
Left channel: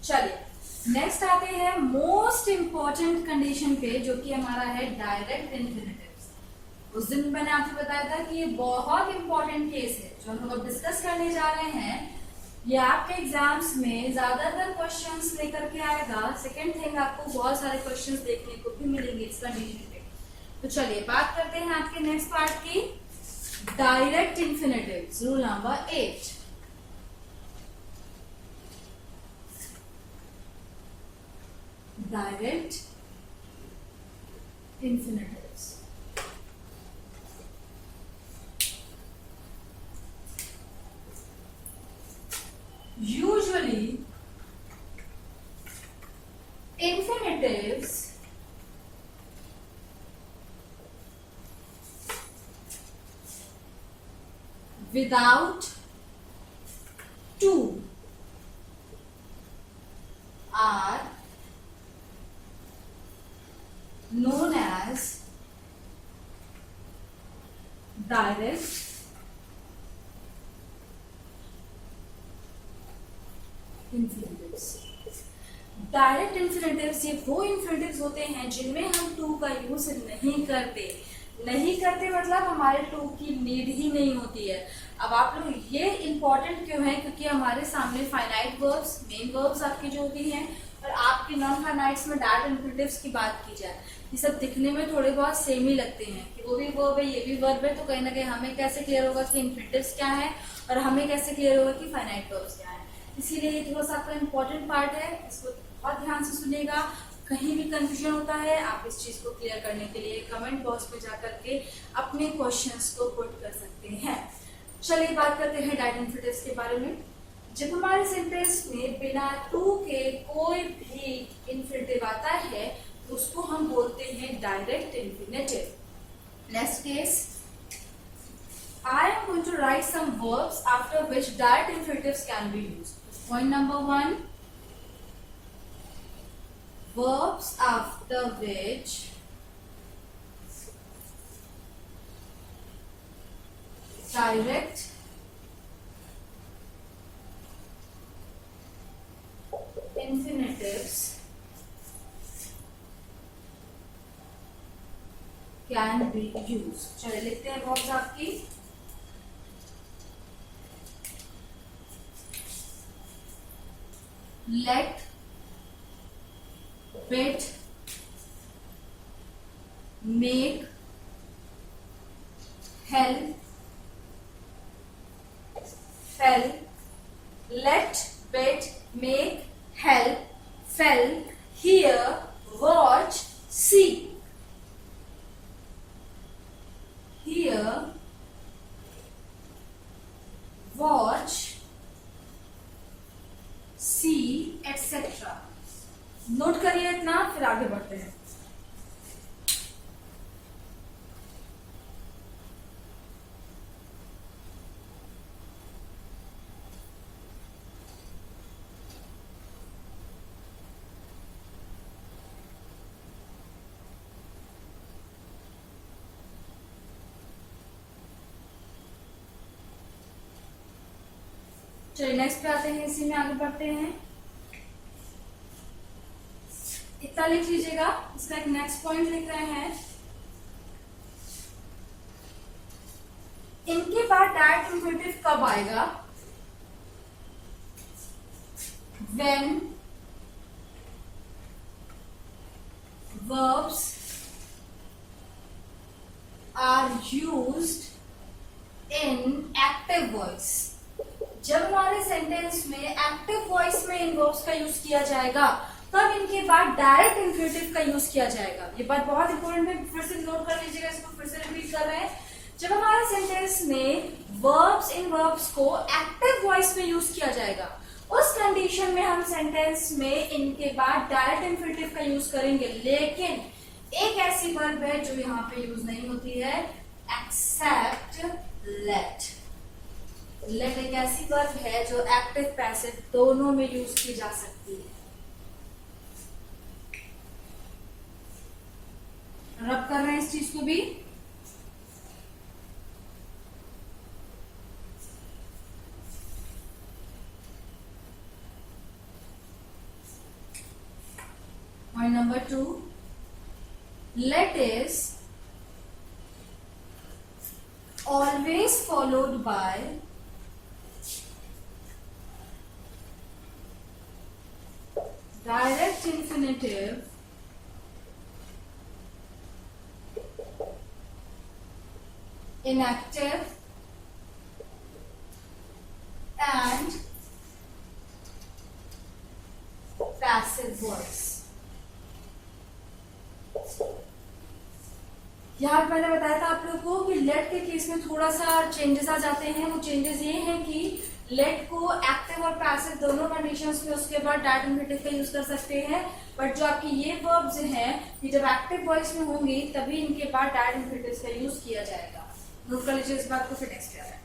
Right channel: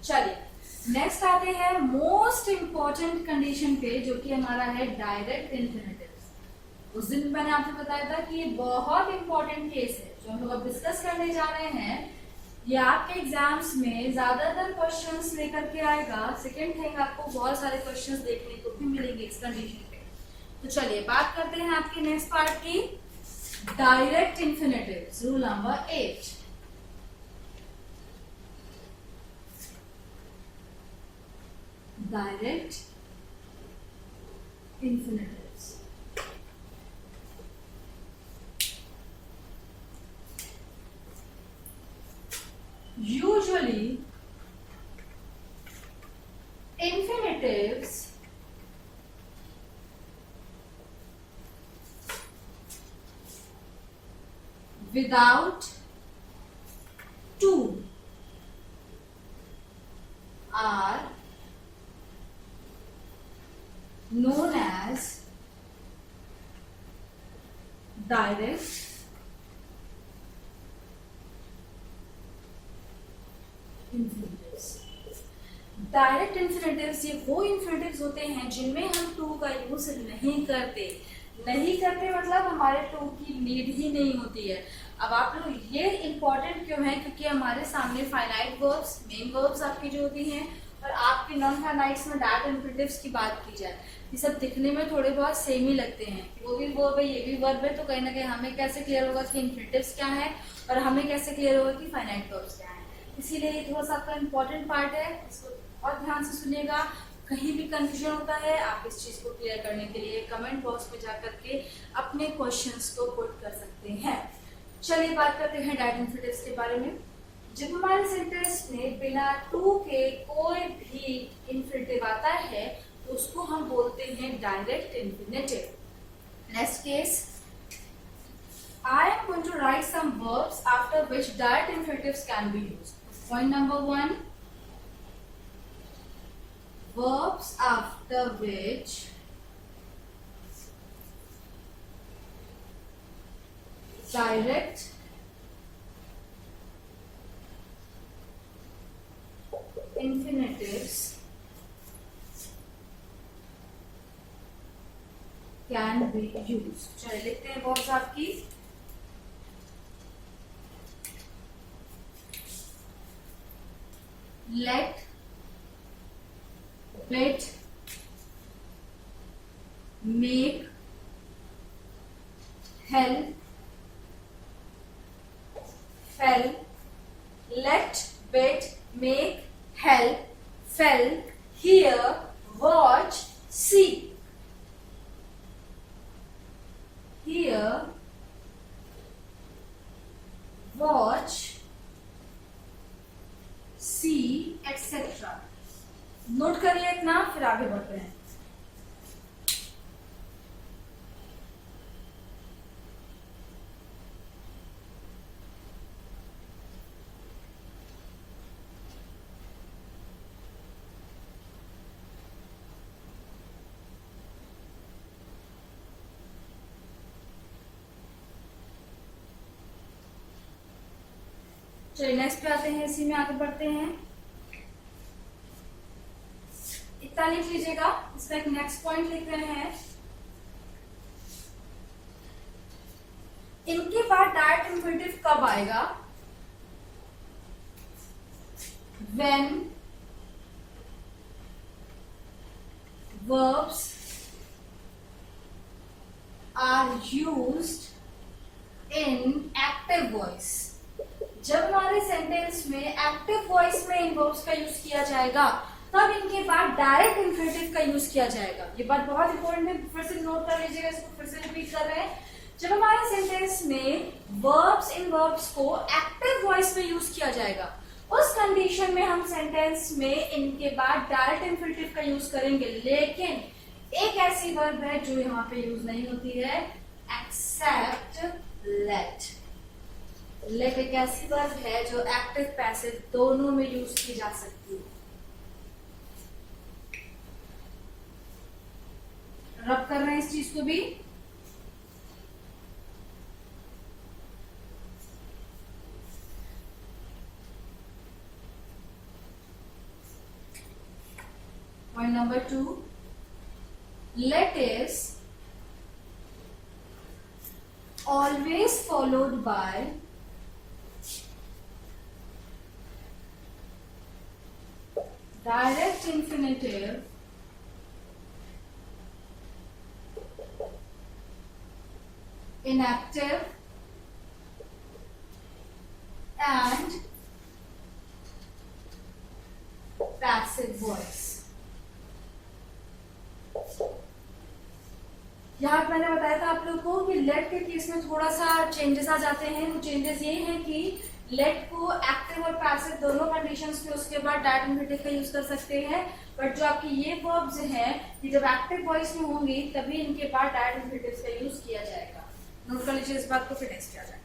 चलिए नेक्स्ट आते हैं मोस्ट इंपॉर्टेंट कंडीशन पे, जो कि हमारा है डायरेक्ट इन्फिनेटिव्स। उस दिन मैंने आपको बताया था कि ये बहुत इंपॉर्टेंट केस है जो हम लोग अब डिस्कस करने जा रहे हैं। ये आपके एग्जाम्स में ज्यादातर क्वेश्चंस लेकर के आएगा। सेकेंड थिंग, आपको बहुत सारे क्वेश्चंस देखने को भी मिलेंगे इस कंडीशन पे। तो चलिए बात करते हैं आपके नेक्स्ट पार्ट की, direct infinitives, rule number 8। Direct infinitives. Usually, infinitives without to are known as direct infinitives. Direct infinitives ये वो इन्फिनेटिव्स होते हैं जिनमें हम टू का यूज नहीं करते मतलब हमारे टू की नीड ही नहीं होती है। अब आप लोग ये इंपॉर्टेंट क्यों है, क्योंकि हमारे सामने फाइनाइट वर्ब्स, मेन वर्ब्स आपकी जो होती हैं, और आपके नॉन फाइनाइट्स में डायरेक्ट इन्फिनेटिव्स की बात की जाए, ये सब दिखने में थोड़े बहुत सेम ही लगते हैं कि वो भी वर्ब है ये भी वर्ब है, तो कहीं ना कहीं हमें कैसे क्लियर होगा कि इन्फिनेटिव्स क्या है और हमें कैसे क्लियर होगा कि फाइनाइट वर्ब्स क्या है। इसीलिए ये थोड़ा सा आपका इंपॉर्टेंट पार्ट है, इसको बहुत ध्यान से सुनिएगा। कहीं भी कंफ्यूजन होता है आप इस चीज को क्लियर करने के लिए कमेंट बॉक्स में जाकर के अपने क्वेश्चंस को पुट कर सकते हैं। चलिए बात करते हैं डायरेक्ट इन्फिनेटिव्स के बारे में। जब हमारे सेंटेंस में बिना टू के कोई भी इन्फिनेटिव आता है तो उसको हम बोलते हैं direct infinitive. Next case, I am going to write some verbs after which direct infinitives can be used. Point number 1, verbs after which direct infinitives can be used. चलिए लिखते हैं verbs आपकी। Let, bid, make, help, fell. Let, bid, make, help, fell, hear, watch, see. Hear, watch, see, etc. Note करिए इतना, फिर आगे बढ़ते हैं। चलिए नेक्स्ट पे आते हैं, इसी में आगे बढ़ते हैं। इतना लिख लीजिएगा। इसका एक नेक्स्ट पॉइंट लिख रहे हैं, इनके बाद डायरेक्ट इंफिनिटिव कब आएगा? When verbs are used in active voice, जब हमारे सेंटेंस में एक्टिव वॉइस में इन वर्ब्स का यूज किया जाएगा तब इनके बाद डायरेक्ट इंफिनिटिव का यूज किया जाएगा। ये बात बहुत इंपॉर्टेंट है, फिर से नोट कर लीजिएगा, इसको फिर से रिपीट कर रहे हैं। जब हमारे सेंटेंस में वर्ब्स इन वर्ब्स को एक्टिव वॉइस में यूज किया जाएगा, उस कंडीशन में हम सेंटेंस में इनके बाद डायरेक्ट इंफिनिटिव का यूज करेंगे। लेकिन एक ऐसी वर्ब है जो यहाँ पे यूज नहीं होती है, एक्सेप्ट लेट। लेट एक ऐसी वर्ब है जो एक्टिव पैसिव दोनों में यूज की जा सकती है। रब कर रहे हैं इस चीज को भी। Point number 2, let is always followed by direct infinitive in active and passive voice। यहाँ पे मैंने बताया था आप लोगों को कि लेट के केस में थोड़ा सा चेंजेस आ जाते हैं। वो चेंजेस ये हैं कि लेट को एक्टिव और पैसिव दोनों कंडीशंस में उसके बाद डायरेक्ट इंफिनिटिव का यूज कर सकते हैं। बट जो आपकी ये वर्ब्स हैं ये जब एक्टिव वॉइस में होंगी तभी इनके बाद डायरेक्ट इंफिनिटिव का यूज किया जाएगा। नोट कर लीजिए इस बात को, फिर नेक्स्ट किया जाए।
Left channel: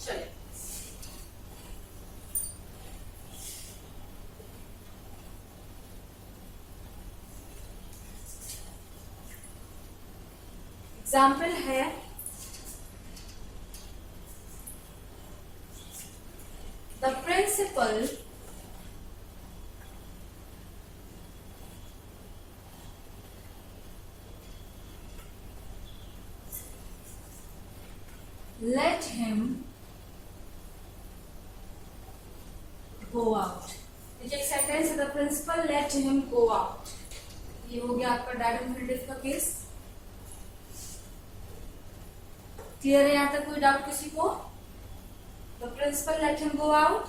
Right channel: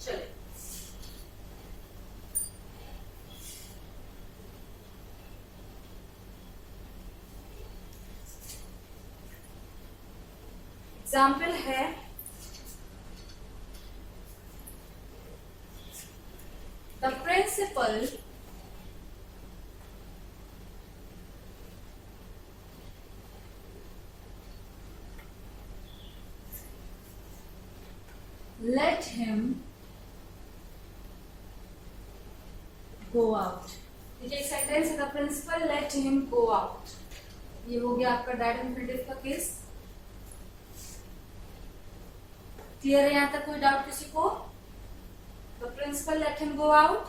चलिए एग्जाम्पल है, the principal let him go out। देखिए एक सेंटेंस है, the principal let him go out। ये हो गया आपका डायरेक्ट इंफिनिटिव का केस। क्लियर है यहां तक? कोई डाउट किसी को? The principal let him go out।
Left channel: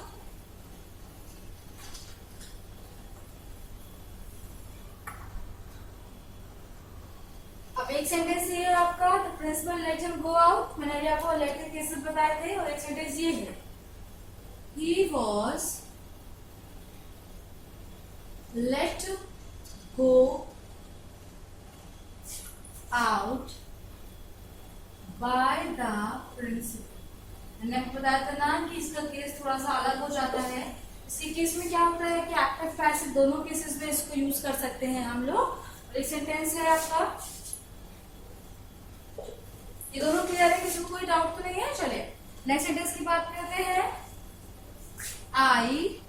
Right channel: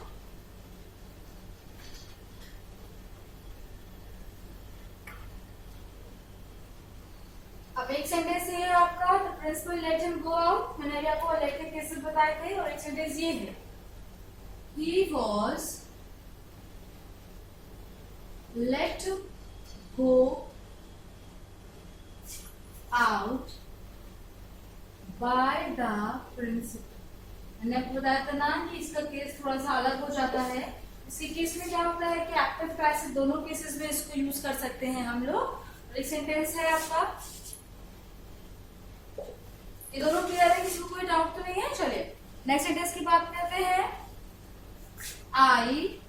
अब एक सेंटेंस ये है आपका, the principal let him go out. मैंने अभी आपको लेट के केसेस बताए थे। और एक सेंटेंस ये है, he was let go out by the principal. मैंने आपको बताया था ना कि इसका केस थोड़ा सा अलग हो जाता है। इसके केस में क्या होता है कि एक्टिव पैसिव दोनों केसेस में इसको यूज कर सकते हैं हम लोग। एक सेंटेंस है आपका, ये दोनों क्लियर है? किसी को कोई डाउट तो नहीं है? चलिए नेक्स्ट सेंटेंस की बात करते हैं। I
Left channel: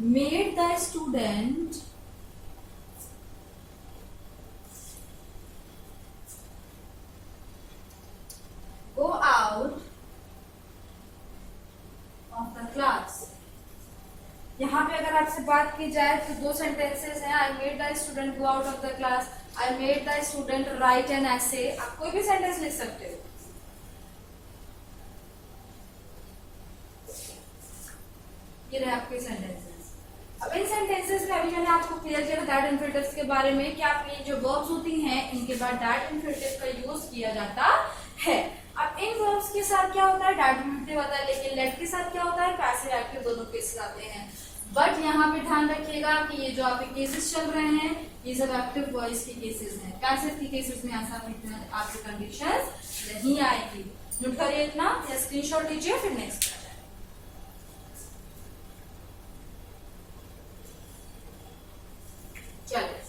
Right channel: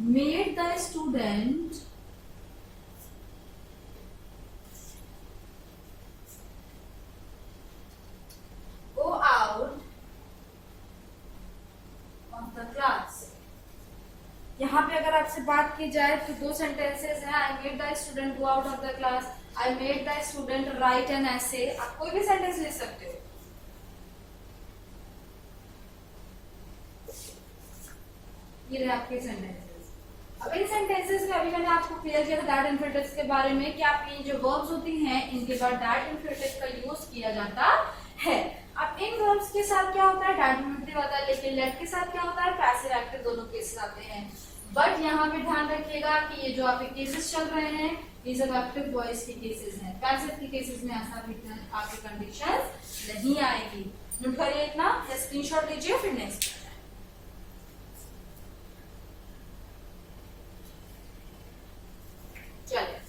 made the student go out of the class. यहाँ पे अगर आपसे बात की जाए तो दो सेंटेंसेस हैं, I made the student go out of the class, I made the student write an essay. आप कोई भी सेंटेंस लिख सकते हो। ये रहे आपके सेंटेंसेस। अब इन सेंटेंसेस में अभी मैंने आपको क्लियर किया डायरेक्ट इंफिनिटिव्स के बारे में कि आपकी जो वर्ब्स होती हैं इनके बाद डायरेक्ट इंफिनिटिव का यूज किया जाता है। अब इन वर्ब्स के साथ क्या होता है? डायरेक्ट इंफिनिटिव आता है। लेकिन लेट के साथ क्या होता है? पैसिव एक्टिव दोनों केसेस आते हैं। बट यहाँ पे ध्यान रखिएगा कि ये जो आपके केसेस चल रहे हैं ये सब एक्टिव वॉइस के केसेस हैं। पैसिव के केसेस में ऐसा आपकी कंडीशन नहीं आएगी। नोट करिए इतना, या स्क्रीनशॉट लीजिए, फिर नेक्स्ट आ जाए। चलिए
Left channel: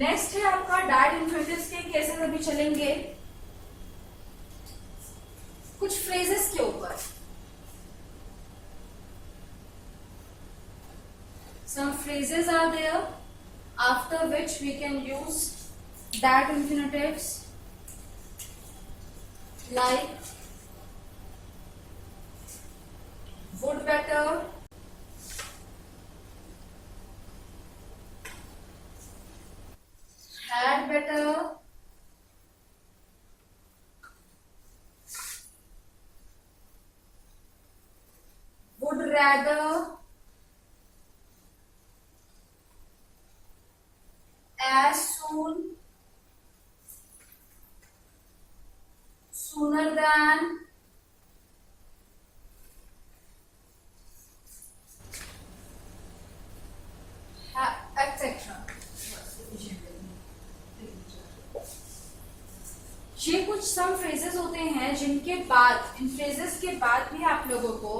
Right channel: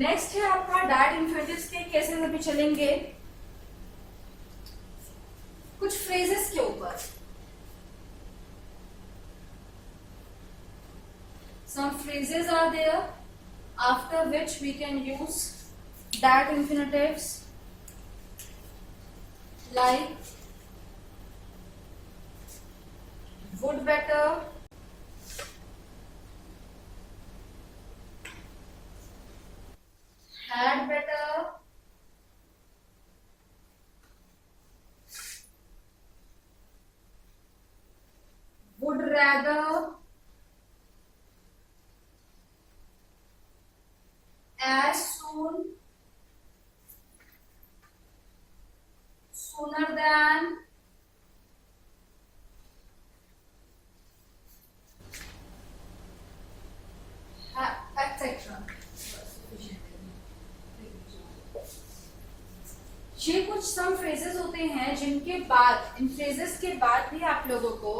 नेक्स्ट है आपका डायरेक्ट इन्फिनेटिव्स के केसेस अभी चलेंगे कुछ फ्रेजेस के ऊपर. Some phrases are there after which we can use that infinitives like would better, had better, would rather, as soon, sooner than, etc. ये कुछ सम फ्रेजेस होते हैं जिनके बाद, इन फ्रेजेस के बाद भी आप लोगों को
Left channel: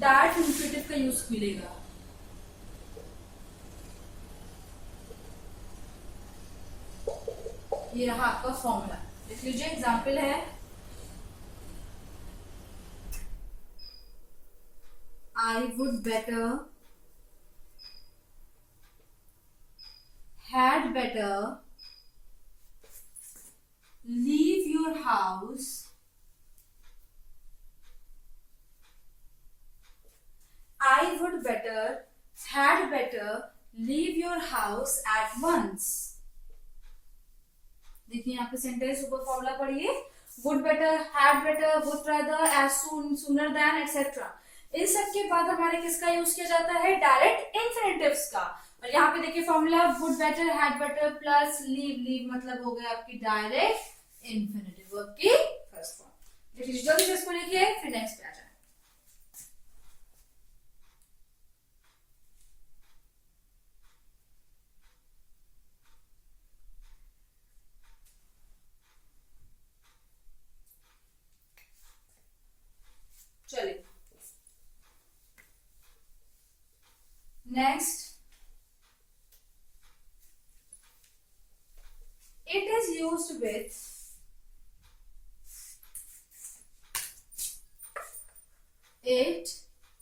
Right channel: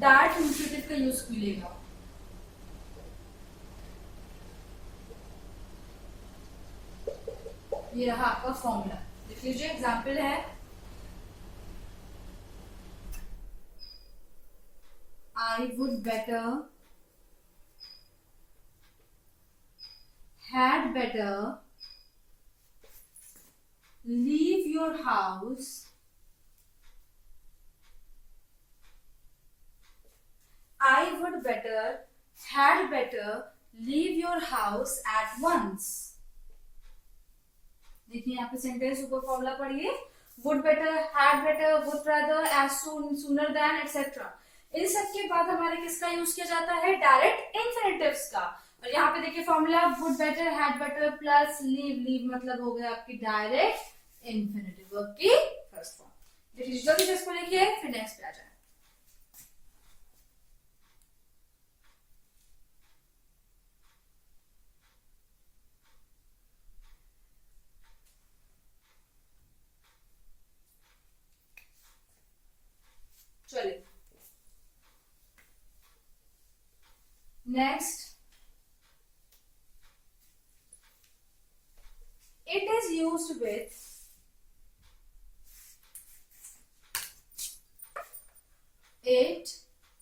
डायरेक्ट इन्फिनेटिव का यूज मिलेगा. ये रहा आपका फॉर्मूला, देख लीजिए. एग्जाम्पल है I would better, had better, leave your house, I would better, had better, leave your house at once. देखिए यहाँ पे सेंटेंस ऊपर फॉर्मूला पढ़िए. Would better, had better, would rather, as soon, sooner than, etcetera. इन सब के बाद हमारे किसका यूज किया जाता है? डायरेक्ट इन्फिनेटिव्स का. और यहाँ पे देखिए formula would better, had better plus leave. Leave मतलब हो गया आपकी डायरेक्ट इन्फिनेटिव वर्ब की फर्स्ट फॉर्म. देखिए जल्दी से इसको लिखिए फिर नेक्स्ट आ जाए. चलिए next, it is used with it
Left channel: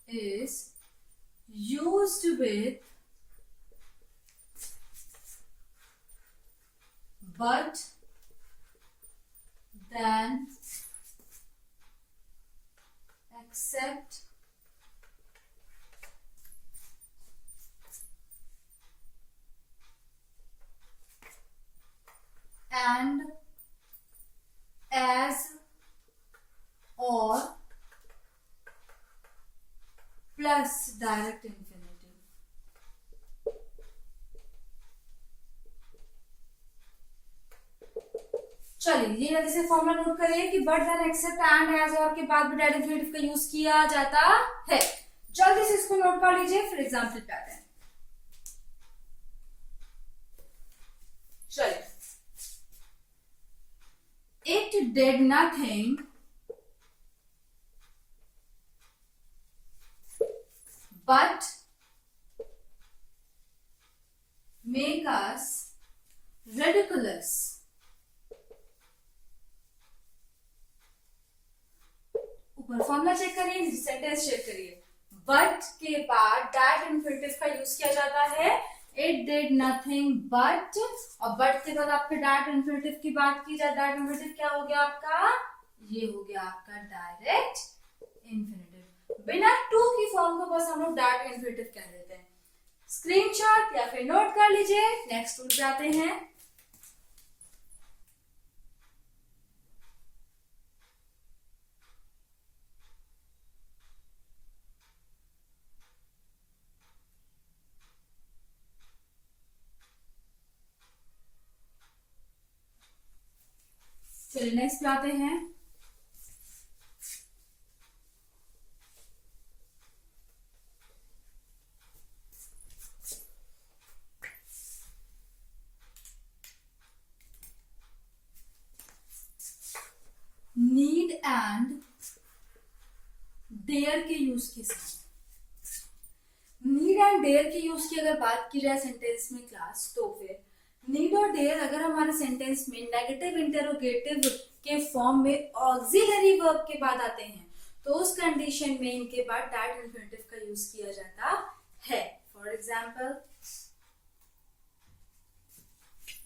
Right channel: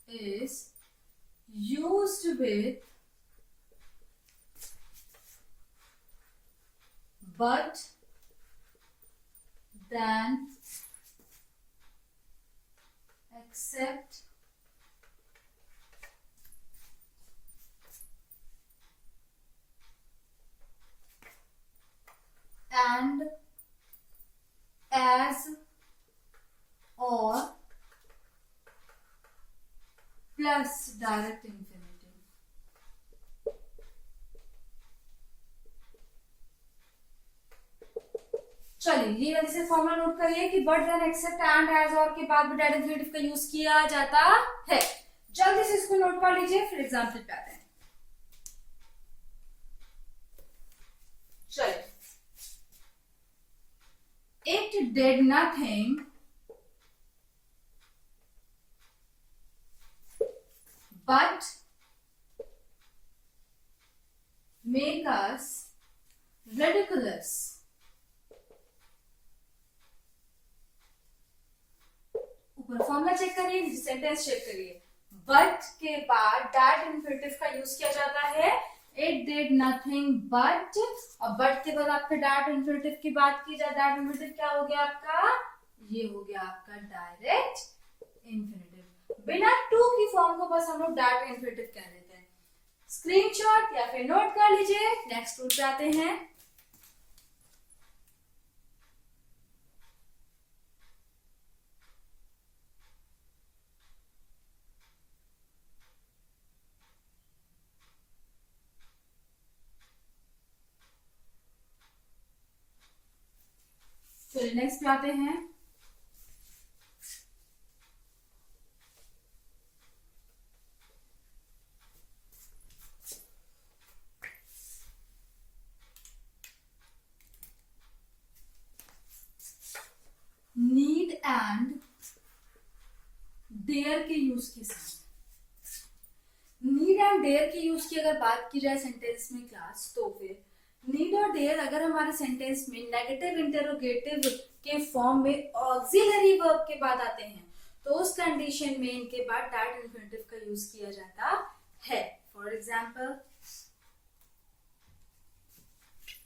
is used with but then except and as or plus direct infinitive. चलिए ये जल्दी से फॉर्मूला नोट करिए कि but than except and as और के बाद भी डायरेक्ट इन्फिनेटिव का यूज किया जाता है. जल्दी से इसको नोट कर लीजिए फिर एग्जाम्पल पे आते हैं. चलिए, it did nothing but make us ridiculous. ऊपर फॉर्मूला चेक करिए, सेंटेंस चेक करिए. बट के बाद डायरेक्ट इन्फिनेटिव का यूज किया जाता है. इट डिड नथिंग बट, और बट के बाद आपके डायरेक्ट इन्फिनेटिव की बात की जाए. डायरेक्ट इन्फिनेटिव क्या हो गया आपका? ये हो गया आपका डायरेक्ट इन्फिनेटिव. बिना टू की फॉर्म को बस हम लोग डायरेक्ट इन्फिनेटिव कह देते हैं. स्क्रीनशॉट या फिर नोट कर लीजिए. नेक्स्ट रूल जाते हैं. चलिए नेक्स्ट पे आते हैं. नीड एंड देयर के यूज के साथ. नीड एंड डेयर की यूज की अगर बात की जाए सेंटेंस में क्लास, तो फिर नीड और डेयर अगर हमारे सेंटेंस में नेगेटिव इंटरोगेटिव के फॉर्म में ऑक्सिलरी वर्ब के बाद आते हैं, तो उस कंडीशन में इनके बाद दैट इन्फिनेटिव का यूज किया जाता है। फॉर एग्जाम्पल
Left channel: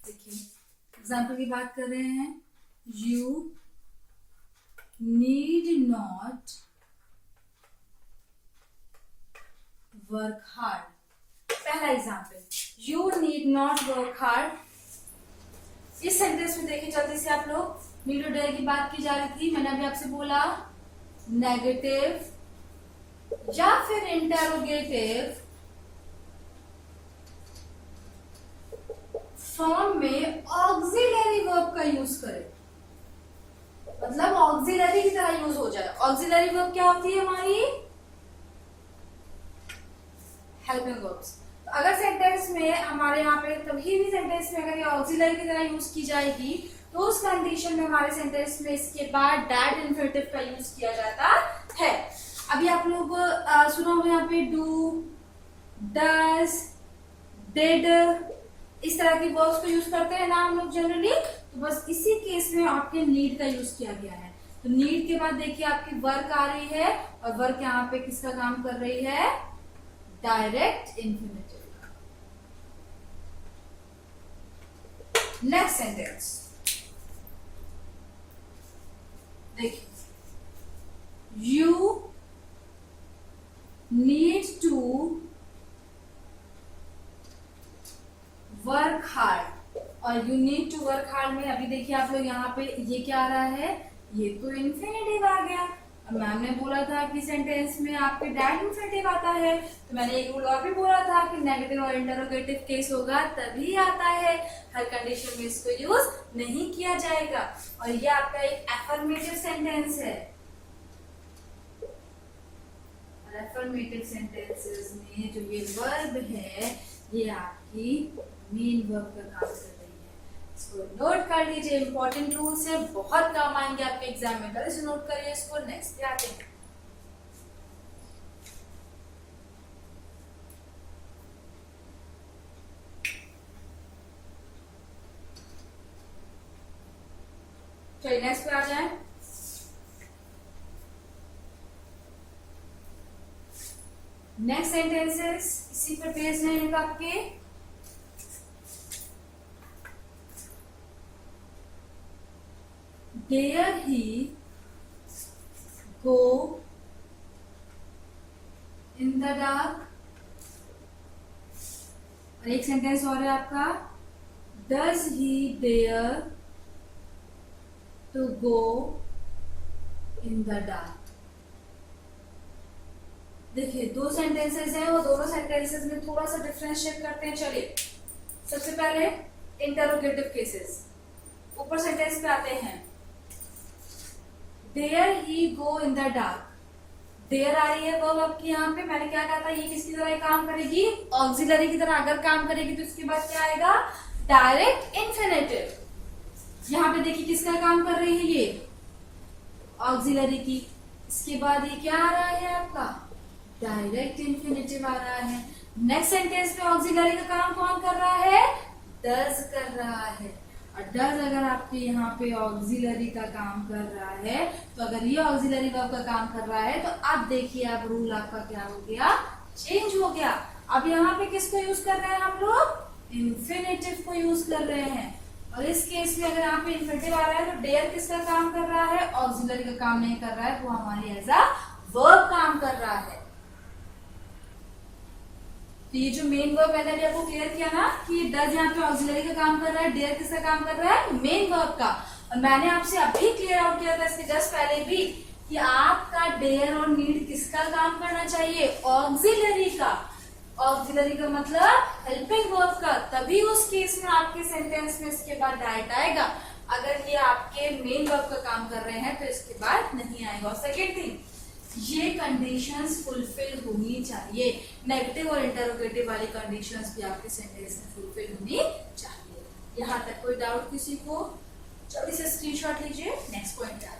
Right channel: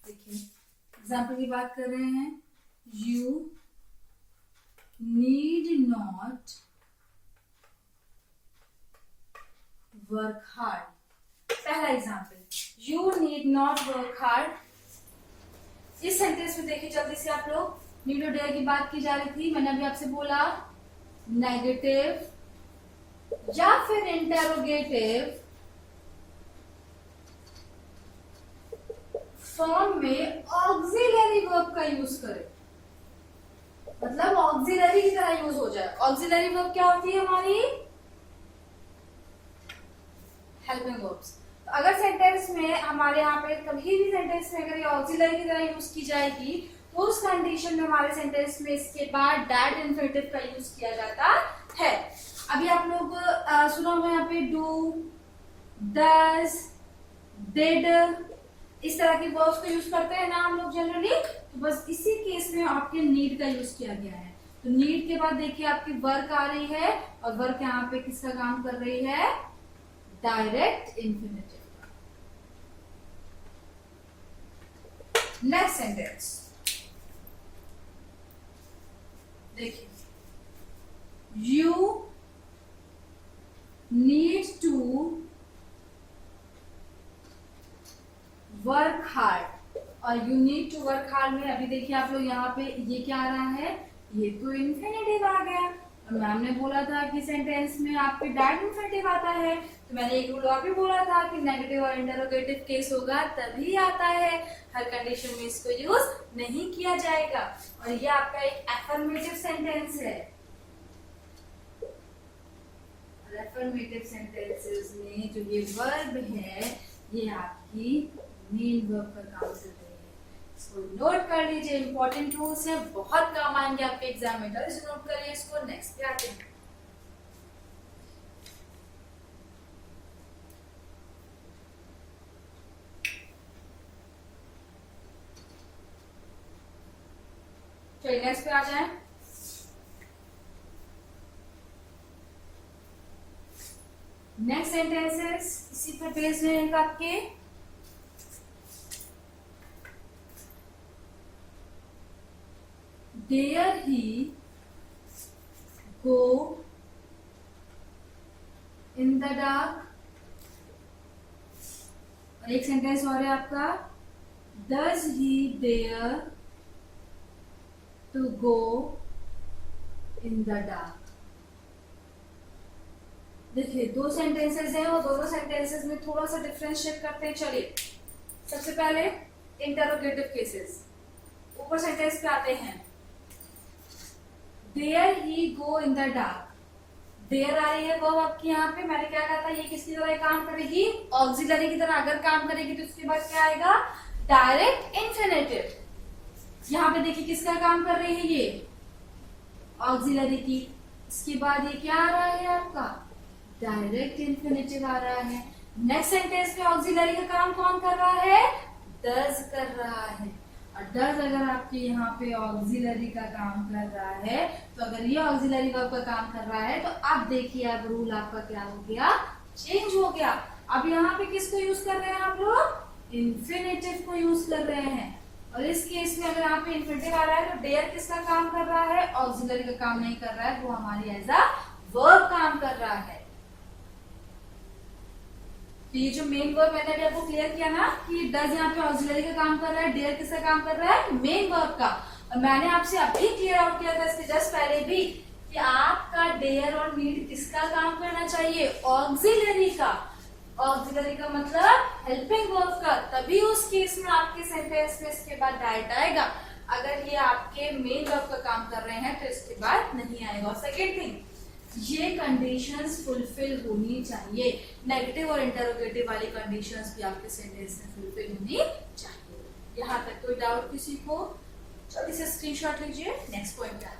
देखिए, एग्जाम्पल की बात कर रहे हैं, you need not work hard. पहला example, you need not work hard. इस सेंटेंस में देखिए जल्दी से आप लोग, नीड और डेयर की बात की जा रही थी, मैंने अभी आपसे बोला नेगेटिव या फिर इंटेरोगेटिव फॉर्म में ऑक्सिलरी वर्ब का यूज करें, मतलब ऑक्सिलरी की तरह यूज हो जाए। ऑक्सिलरी वर्ब क्या होती है हमारी? Helping verbs. तो अगर सेंटेंस में हमारे यहाँ पे कभी भी सेंटेंस में अगर ये ऑक्सिलरी की तरह यूज की जाएगी, तो उस कंडीशन में हमारे सेंटेंस में इसके बाद दैट इन्फिनेटिव का यूज किया जाता है। अभी आप लोग सुना होगा यहाँ पे डू, डज, डिड, इस तरह की वर्ब्स को यूज करते हैं ना हम लोग जनरली। तो बस इसी केस में आपके नीड का यूज किया गया है। तो नीड के बाद देखिए आपकी वर्क आ रही है, और वर्क यहाँ पे किसका काम कर रही है? डायरेक्ट इन्फिनेटिव का। नेक्स्ट सेंटेंस देखिए, you need to work hard. और you need to work hard में अभी देखिए आप लोग यहाँ पे ये क्या आ रहा है? ये तो इन्फिनेटिव आ गया। मैम ने बोला था कि सेंटेंस में आपके दैट इन्फिनेटिव आता है, तो मैंने एक रूल और भी बोला था कि नेगेटिव और इंटरोगेटिव केस होगा तभी आता है, हर कंडीशन में इसको यूज नहीं किया जाएगा। और ये आपका एक एफर्मेटिव सेंटेंस है। और एफर्मेटिव सेंटेंसेस में जो ये वर्ब है, ये आपकी मेन वर्ब का काम कर रही है। इसको नोट कर लीजिए, इंपॉर्टेंट रूल्स है, बहुत काम आएंगे आपके एग्जाम में, कल से नोट करिए इसको। नेक्स्ट पे आते हैं। चलिए नेक्स्ट पे आ जाए। नेक्स्ट सेंटेंसेस इसी पर बेस्ड रहेगा आपके। Dare he go in the dark? और एक सेंटेंस और है आपका, Does he dare to go in the dark? देखिए दो सेंटेंसेस हैं, वो दोनों सेंटेंसेस में थोड़ा सा डिफरेंशिएट करते हैं। चलिए सबसे पहले इंटरोगेटिव केसेस, ऊपर सेंटेंस पे आते हैं। Dare he go in the dark? Dare आ रही है वर्ब आपकी यहाँ पे, मैंने क्या कहा था, ये किसकी तरह काम करेगी? ऑक्सिलरी की तरह अगर काम करेगी तो इसके बाद क्या आएगा? Direct infinitive. यहाँ पे देखिए किसका काम कर रही है? ये ऑक्सिलरी की। इसके बाद ये क्या आ रहा है आपका? डायरेक्ट इन्फिनेटिव आ रहा है। नेक्स्ट सेंटेंस पे ऑक्सिलरी का काम कौन कर रहा है? डज कर रहा है। और डज अगर आपके यहाँ पे ऑक्सिलरी का काम कर रहा है, तो अगर ये ऑक्सिलरी वर्ब का काम कर रहा है, तो अब देखिए अब रूल आपका क्या हो गया? चेंज हो गया। अब यहाँ पे किसको यूज कर रहे हैं हम लोग? इन्फिनेटिव को यूज कर रहे हैं। और इस केस में अगर यहाँ पे इन्फिनेटिव आ रहा है, तो डेयर किसका काम कर रहा है? ऑक्सिलरी का काम नहीं कर रहा है, वो हमारी एज अ वर्ब काम कर रहा है। तो ये जो मेन वर्ब मैंने अभी आपको क्लियर किया ना कि डज यहाँ पे ऑक्सिलरी का काम कर रहा है, डेयर किसका काम कर रहा है? मेन वर्ब का। और मैंने आपसे अभी क्लियर आउट किया था इसके जस्ट पहले भी कि आपका डेयर और नीड किसका काम करना चाहिए? ऑक्सिलरी का। ऑक्सिलरी का मतलब हेल्पिंग वर्ब का, तभी उस केस में आपके सेंटेंस में इसके बाद डायरेक्ट आएगा। अगर ये आपके मेन वर्ब का काम कर रहे हैं तो इसके बाद नहीं आएगा। और सेकेंड थिंग, ये कंडीशंस फुलफिल होनी चाहिए। नेगेटिव और इंटरोगेटिव वाली कंडीशंस भी आपके सेंटेंस में फुलफिल होनी चाहिए। यहाँ तक कोई डाउट किसी को? जल्दी से स्क्रीनशॉट लीजिए। नेक्स्ट पॉइंट पे आते हैं।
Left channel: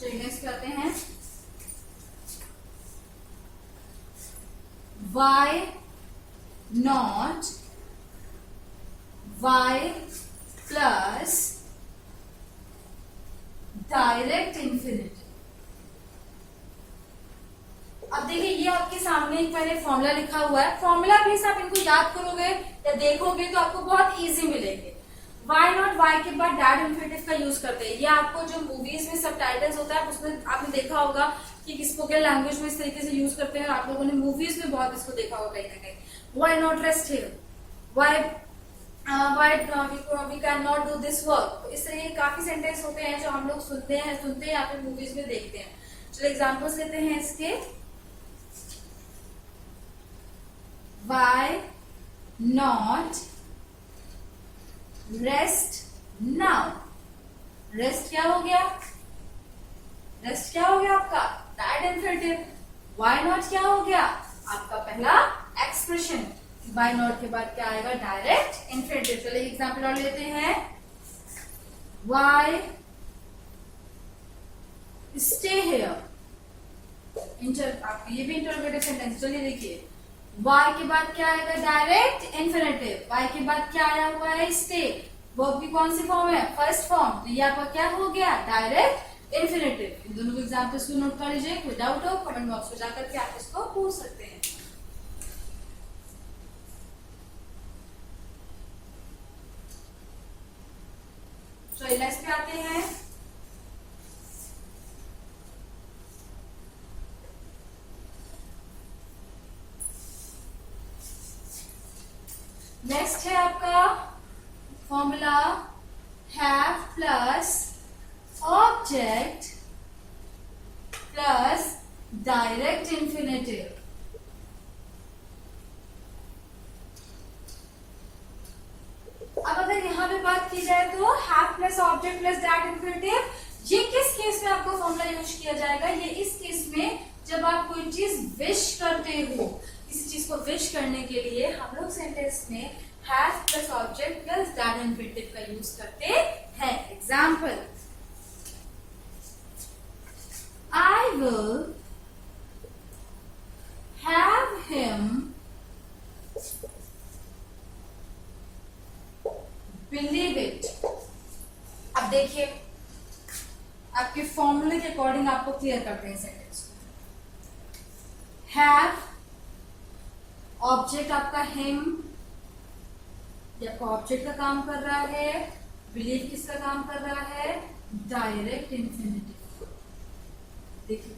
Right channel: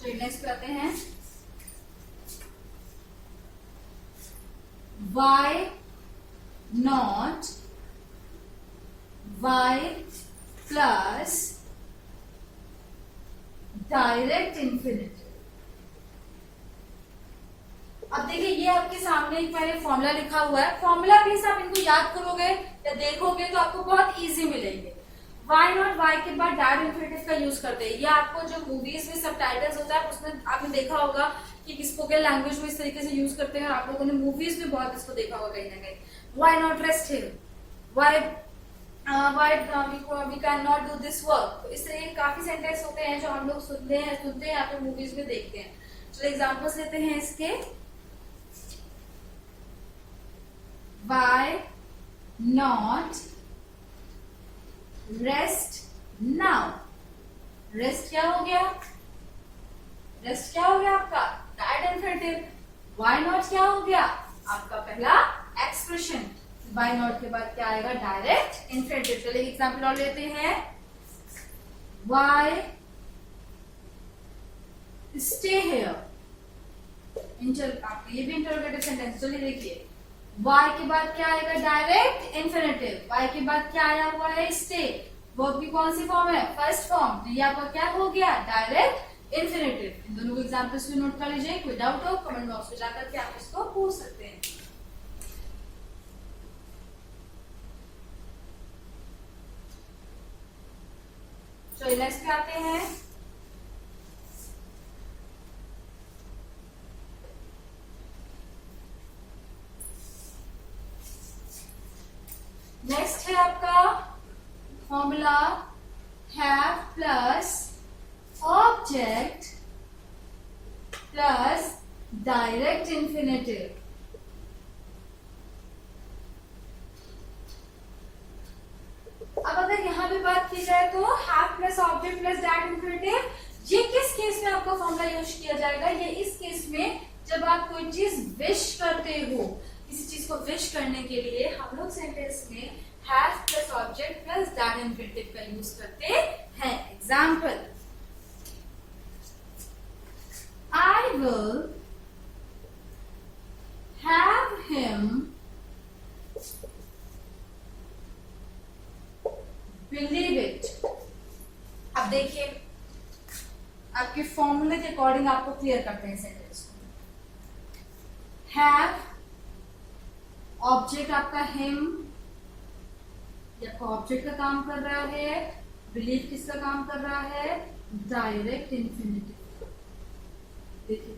चलिए नेक्स्ट पे आते हैं। Why not why plus direct infinity. अब देखिए ये आपके सामने एक मैंने फॉर्मूला लिखा हुआ है, फॉर्मूला भी आप इनको याद करोगे या देखोगे तो आपको बहुत इजी मिलेंगे। वाई नॉट वाई के बाद डायरेक्ट इन्फिनिटिव का यूज करते हैं। ये आपको जो मूवीज में सबटाइटल्स होता है उसमें आपने देखा होगा कि स्पोकन लैंग्वेज में इस तरीके से यूज करते हैं, और आप लोगों ने मूवीज में बहुत इसको देखा होगा कहीं ना कहीं। Why not rest here, why we can not do this work. इस तरह के काफी सेंटेंस होते हैं जो हम लोग सुनते हैं या फिर मूवीज में देखते हैं। चलो एग्जाम्पल्स लेते हैं इसके। Why not rest now. Rest क्या हो गया? रेस्ट क्या हो गया आपका? Direct infinitive. वाई नॉट क्या हो गया? आपका पहला एक्सप्रेशन। वाई नॉट के बाद क्या आएगा? Direct infinitive. चलिए एग्जाम्पल और लेते हैं। Why stay here. आपको ये भी इंटरोगेटिव सेंटेंस। चलिए देखिए, वाई के बाद क्या आएगा? Direct infinitive. वाई के बाद क्या आया हुआ है? स्टे। वर्ब की कौन सी फॉर्म है? First form. तो ये आपका क्या हो गया? Direct infinitive. इन दोनों को एग्जाम्पल्स भी नोट कर लीजिए। कोई डाउट हो कमेंट बॉक्स में जाकर के आप इसको पूछ सकते हैं। तो नेक्स्ट पे आते हैं। नेक्स्ट है आपका formula have plus object plus direct infinitive. अब अगर यहां पे बात की जाए तो have plus object plus direct infinitive, ये किस केस में आपका फॉर्मूला यूज किया जाएगा? ये इस केस में जब आप कोई चीज विश करते हो। किसी चीज को विश करने के लिए हम लोग सेंटेंस में have plus object plus direct infinitive का यूज करते हैं। Example, I will have him believe it. अब देखिए आपके फॉर्मूले के अकॉर्डिंग आपको क्लियर करते हैं सेंटेंस को। हैव ऑब्जेक्ट आपका हिम, ये आपका ऑब्जेक्ट का काम कर रहा है। बिलीव किसका काम कर रहा है? Direct infinitive. देखिए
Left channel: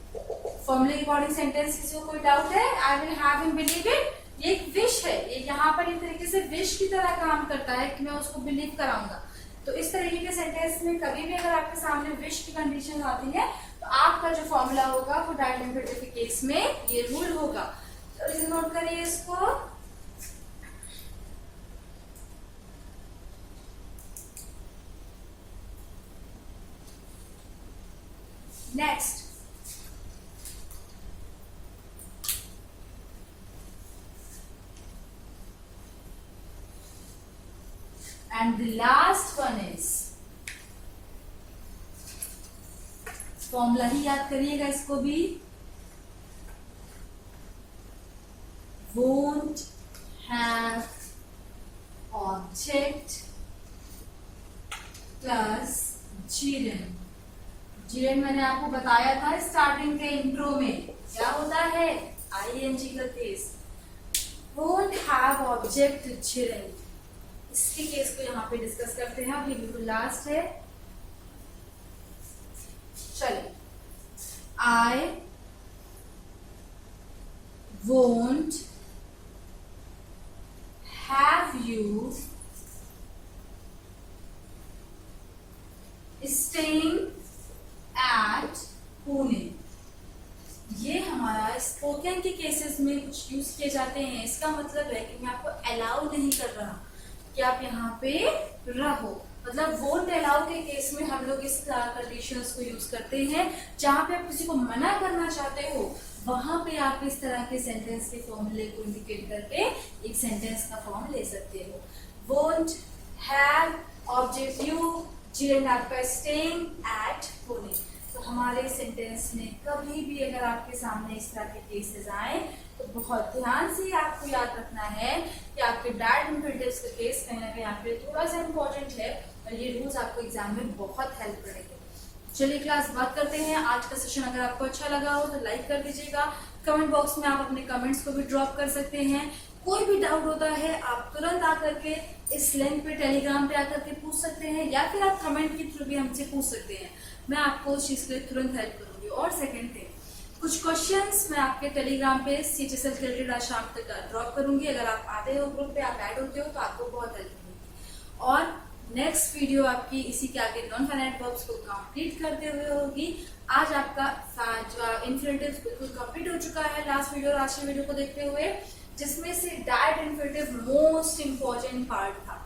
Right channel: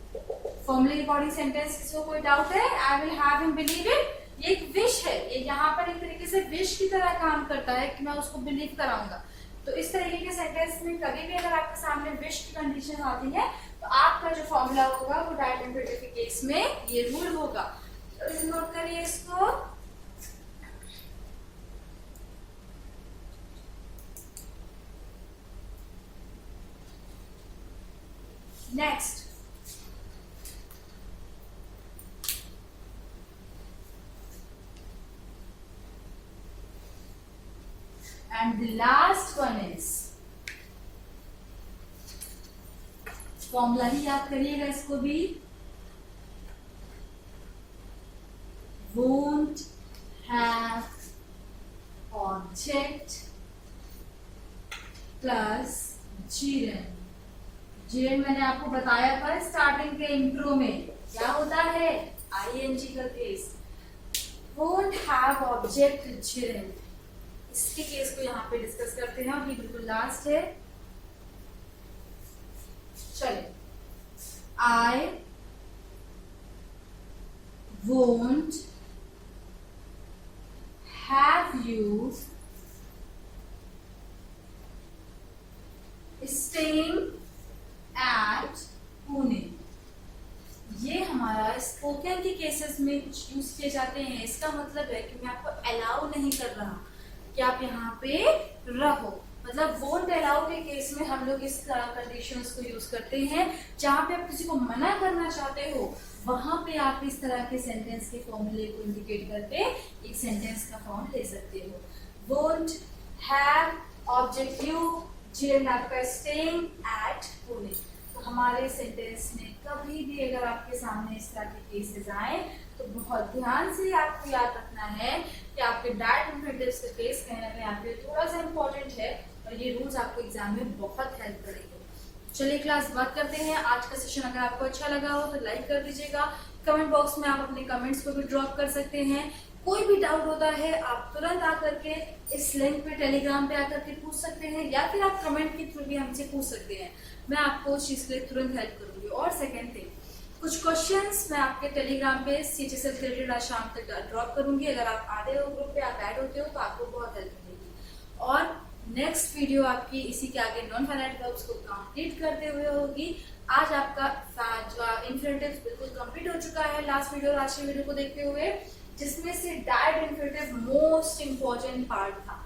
फॉर्मूले के अकॉर्डिंग सेंटेंस, किसी को कोई डाउट है? I will have him believe it, ये एक विश है। ये यहाँ पर एक तरीके से विश की तरह काम करता है कि मैं उसको बिलीव कराऊंगा। तो इस तरीके के सेंटेंस में कभी भी अगर आपके सामने विश की कंडीशन आती है तो आपका जो फॉर्मूला होगा वो डायरेक्ट इन्फिनिटिव के केस में ये रूल होगा। तो इसे नोट करिए इसको। Next, and the last one is, formula ही याद करिएगा इसको भी। won't have object plus gerund। gerund मैंने आपको बताया था स्टार्टिंग के इंट्रो में, क्या होता है? ing का case. won't have object gerund, इसके केस को यहाँ पे डिस्कस करते हैं। अभी बिल्कुल लास्ट है। चलिए, I won't have you staying at Pune. ये हमारा स्पोकन के केसेस में कुछ यूज किए जाते हैं। इसका मतलब है कि मैं आपको अलाउ नहीं कर रहा कि आप यहाँ पे रहो। मतलब वोंट अलाउ के केस में हम लोग इस कंडीशंस को यूज करते हैं। जहां पे आप किसी को मना करना चाहते हो वहां पे आप इस तरह के सेंटेंस के फॉर्मूले को इंडिकेट करके एक सेंटेंस का फॉर्म ले सकते हो। Won't have object you, gerund आपका स्टेइंग एट पुणे। तो हमारे सेंटेंस में कभी भी अगर आपके सामने इस तरह के केसेस आए तो बहुत ध्यान से आपको याद रखना है कि आपके डायरेक्ट इन्फिनिटिव्स का केस कहीं ना कहीं आपके लिए थोड़ा सा इम्पोर्टेंट है और ये रूल्स आपको एग्जाम में बहुत हेल्प करेंगे। चलिए क्लास बात करते हैं। आज का सेशन अगर आपको अच्छा लगा हो तो लाइक कर दीजिएगा। कमेंट बॉक्स में आप अपने कमेंट्स को भी ड्रॉप कर सकते हैं। कोई भी डाउट होता है आप तुरंत आकर के इस लिंक पे टेलीग्राम पे आकर के पूछ सकते हैं या फिर आप कमेंट के थ्रू भी हमसे पूछ सकते हैं। मैं आपको उस चीज के लिए तुरंत हेल्प करूंगी। और सेकंड थिंग, कुछ क्वेश्चंस मैं आपके टेलीग्राम पे CHSL से रिलेटेड आज शाम तक ड्रॉप करूंगी। अगर आप आते हो ग्रुप पे, आप ऐड होते हो तो आपको बहुत हेल्प मिलेगी। और नेक्स्ट वीडियो आपकी इसी के आगे नॉन फाइनाइट वर्ब्स को कंप्लीट करते हुए होगी। आज आपका इन्फिनिटिव्स बिल्कुल कंप्लीट हो चुका है लास्ट वीडियो और आज की वीडियो को देखते हुए, जिसमें से direct infinitive most important part था।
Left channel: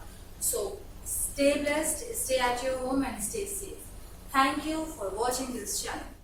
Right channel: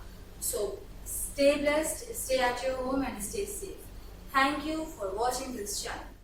So stay blessed, stay at your home and stay safe. Thank you for watching this channel.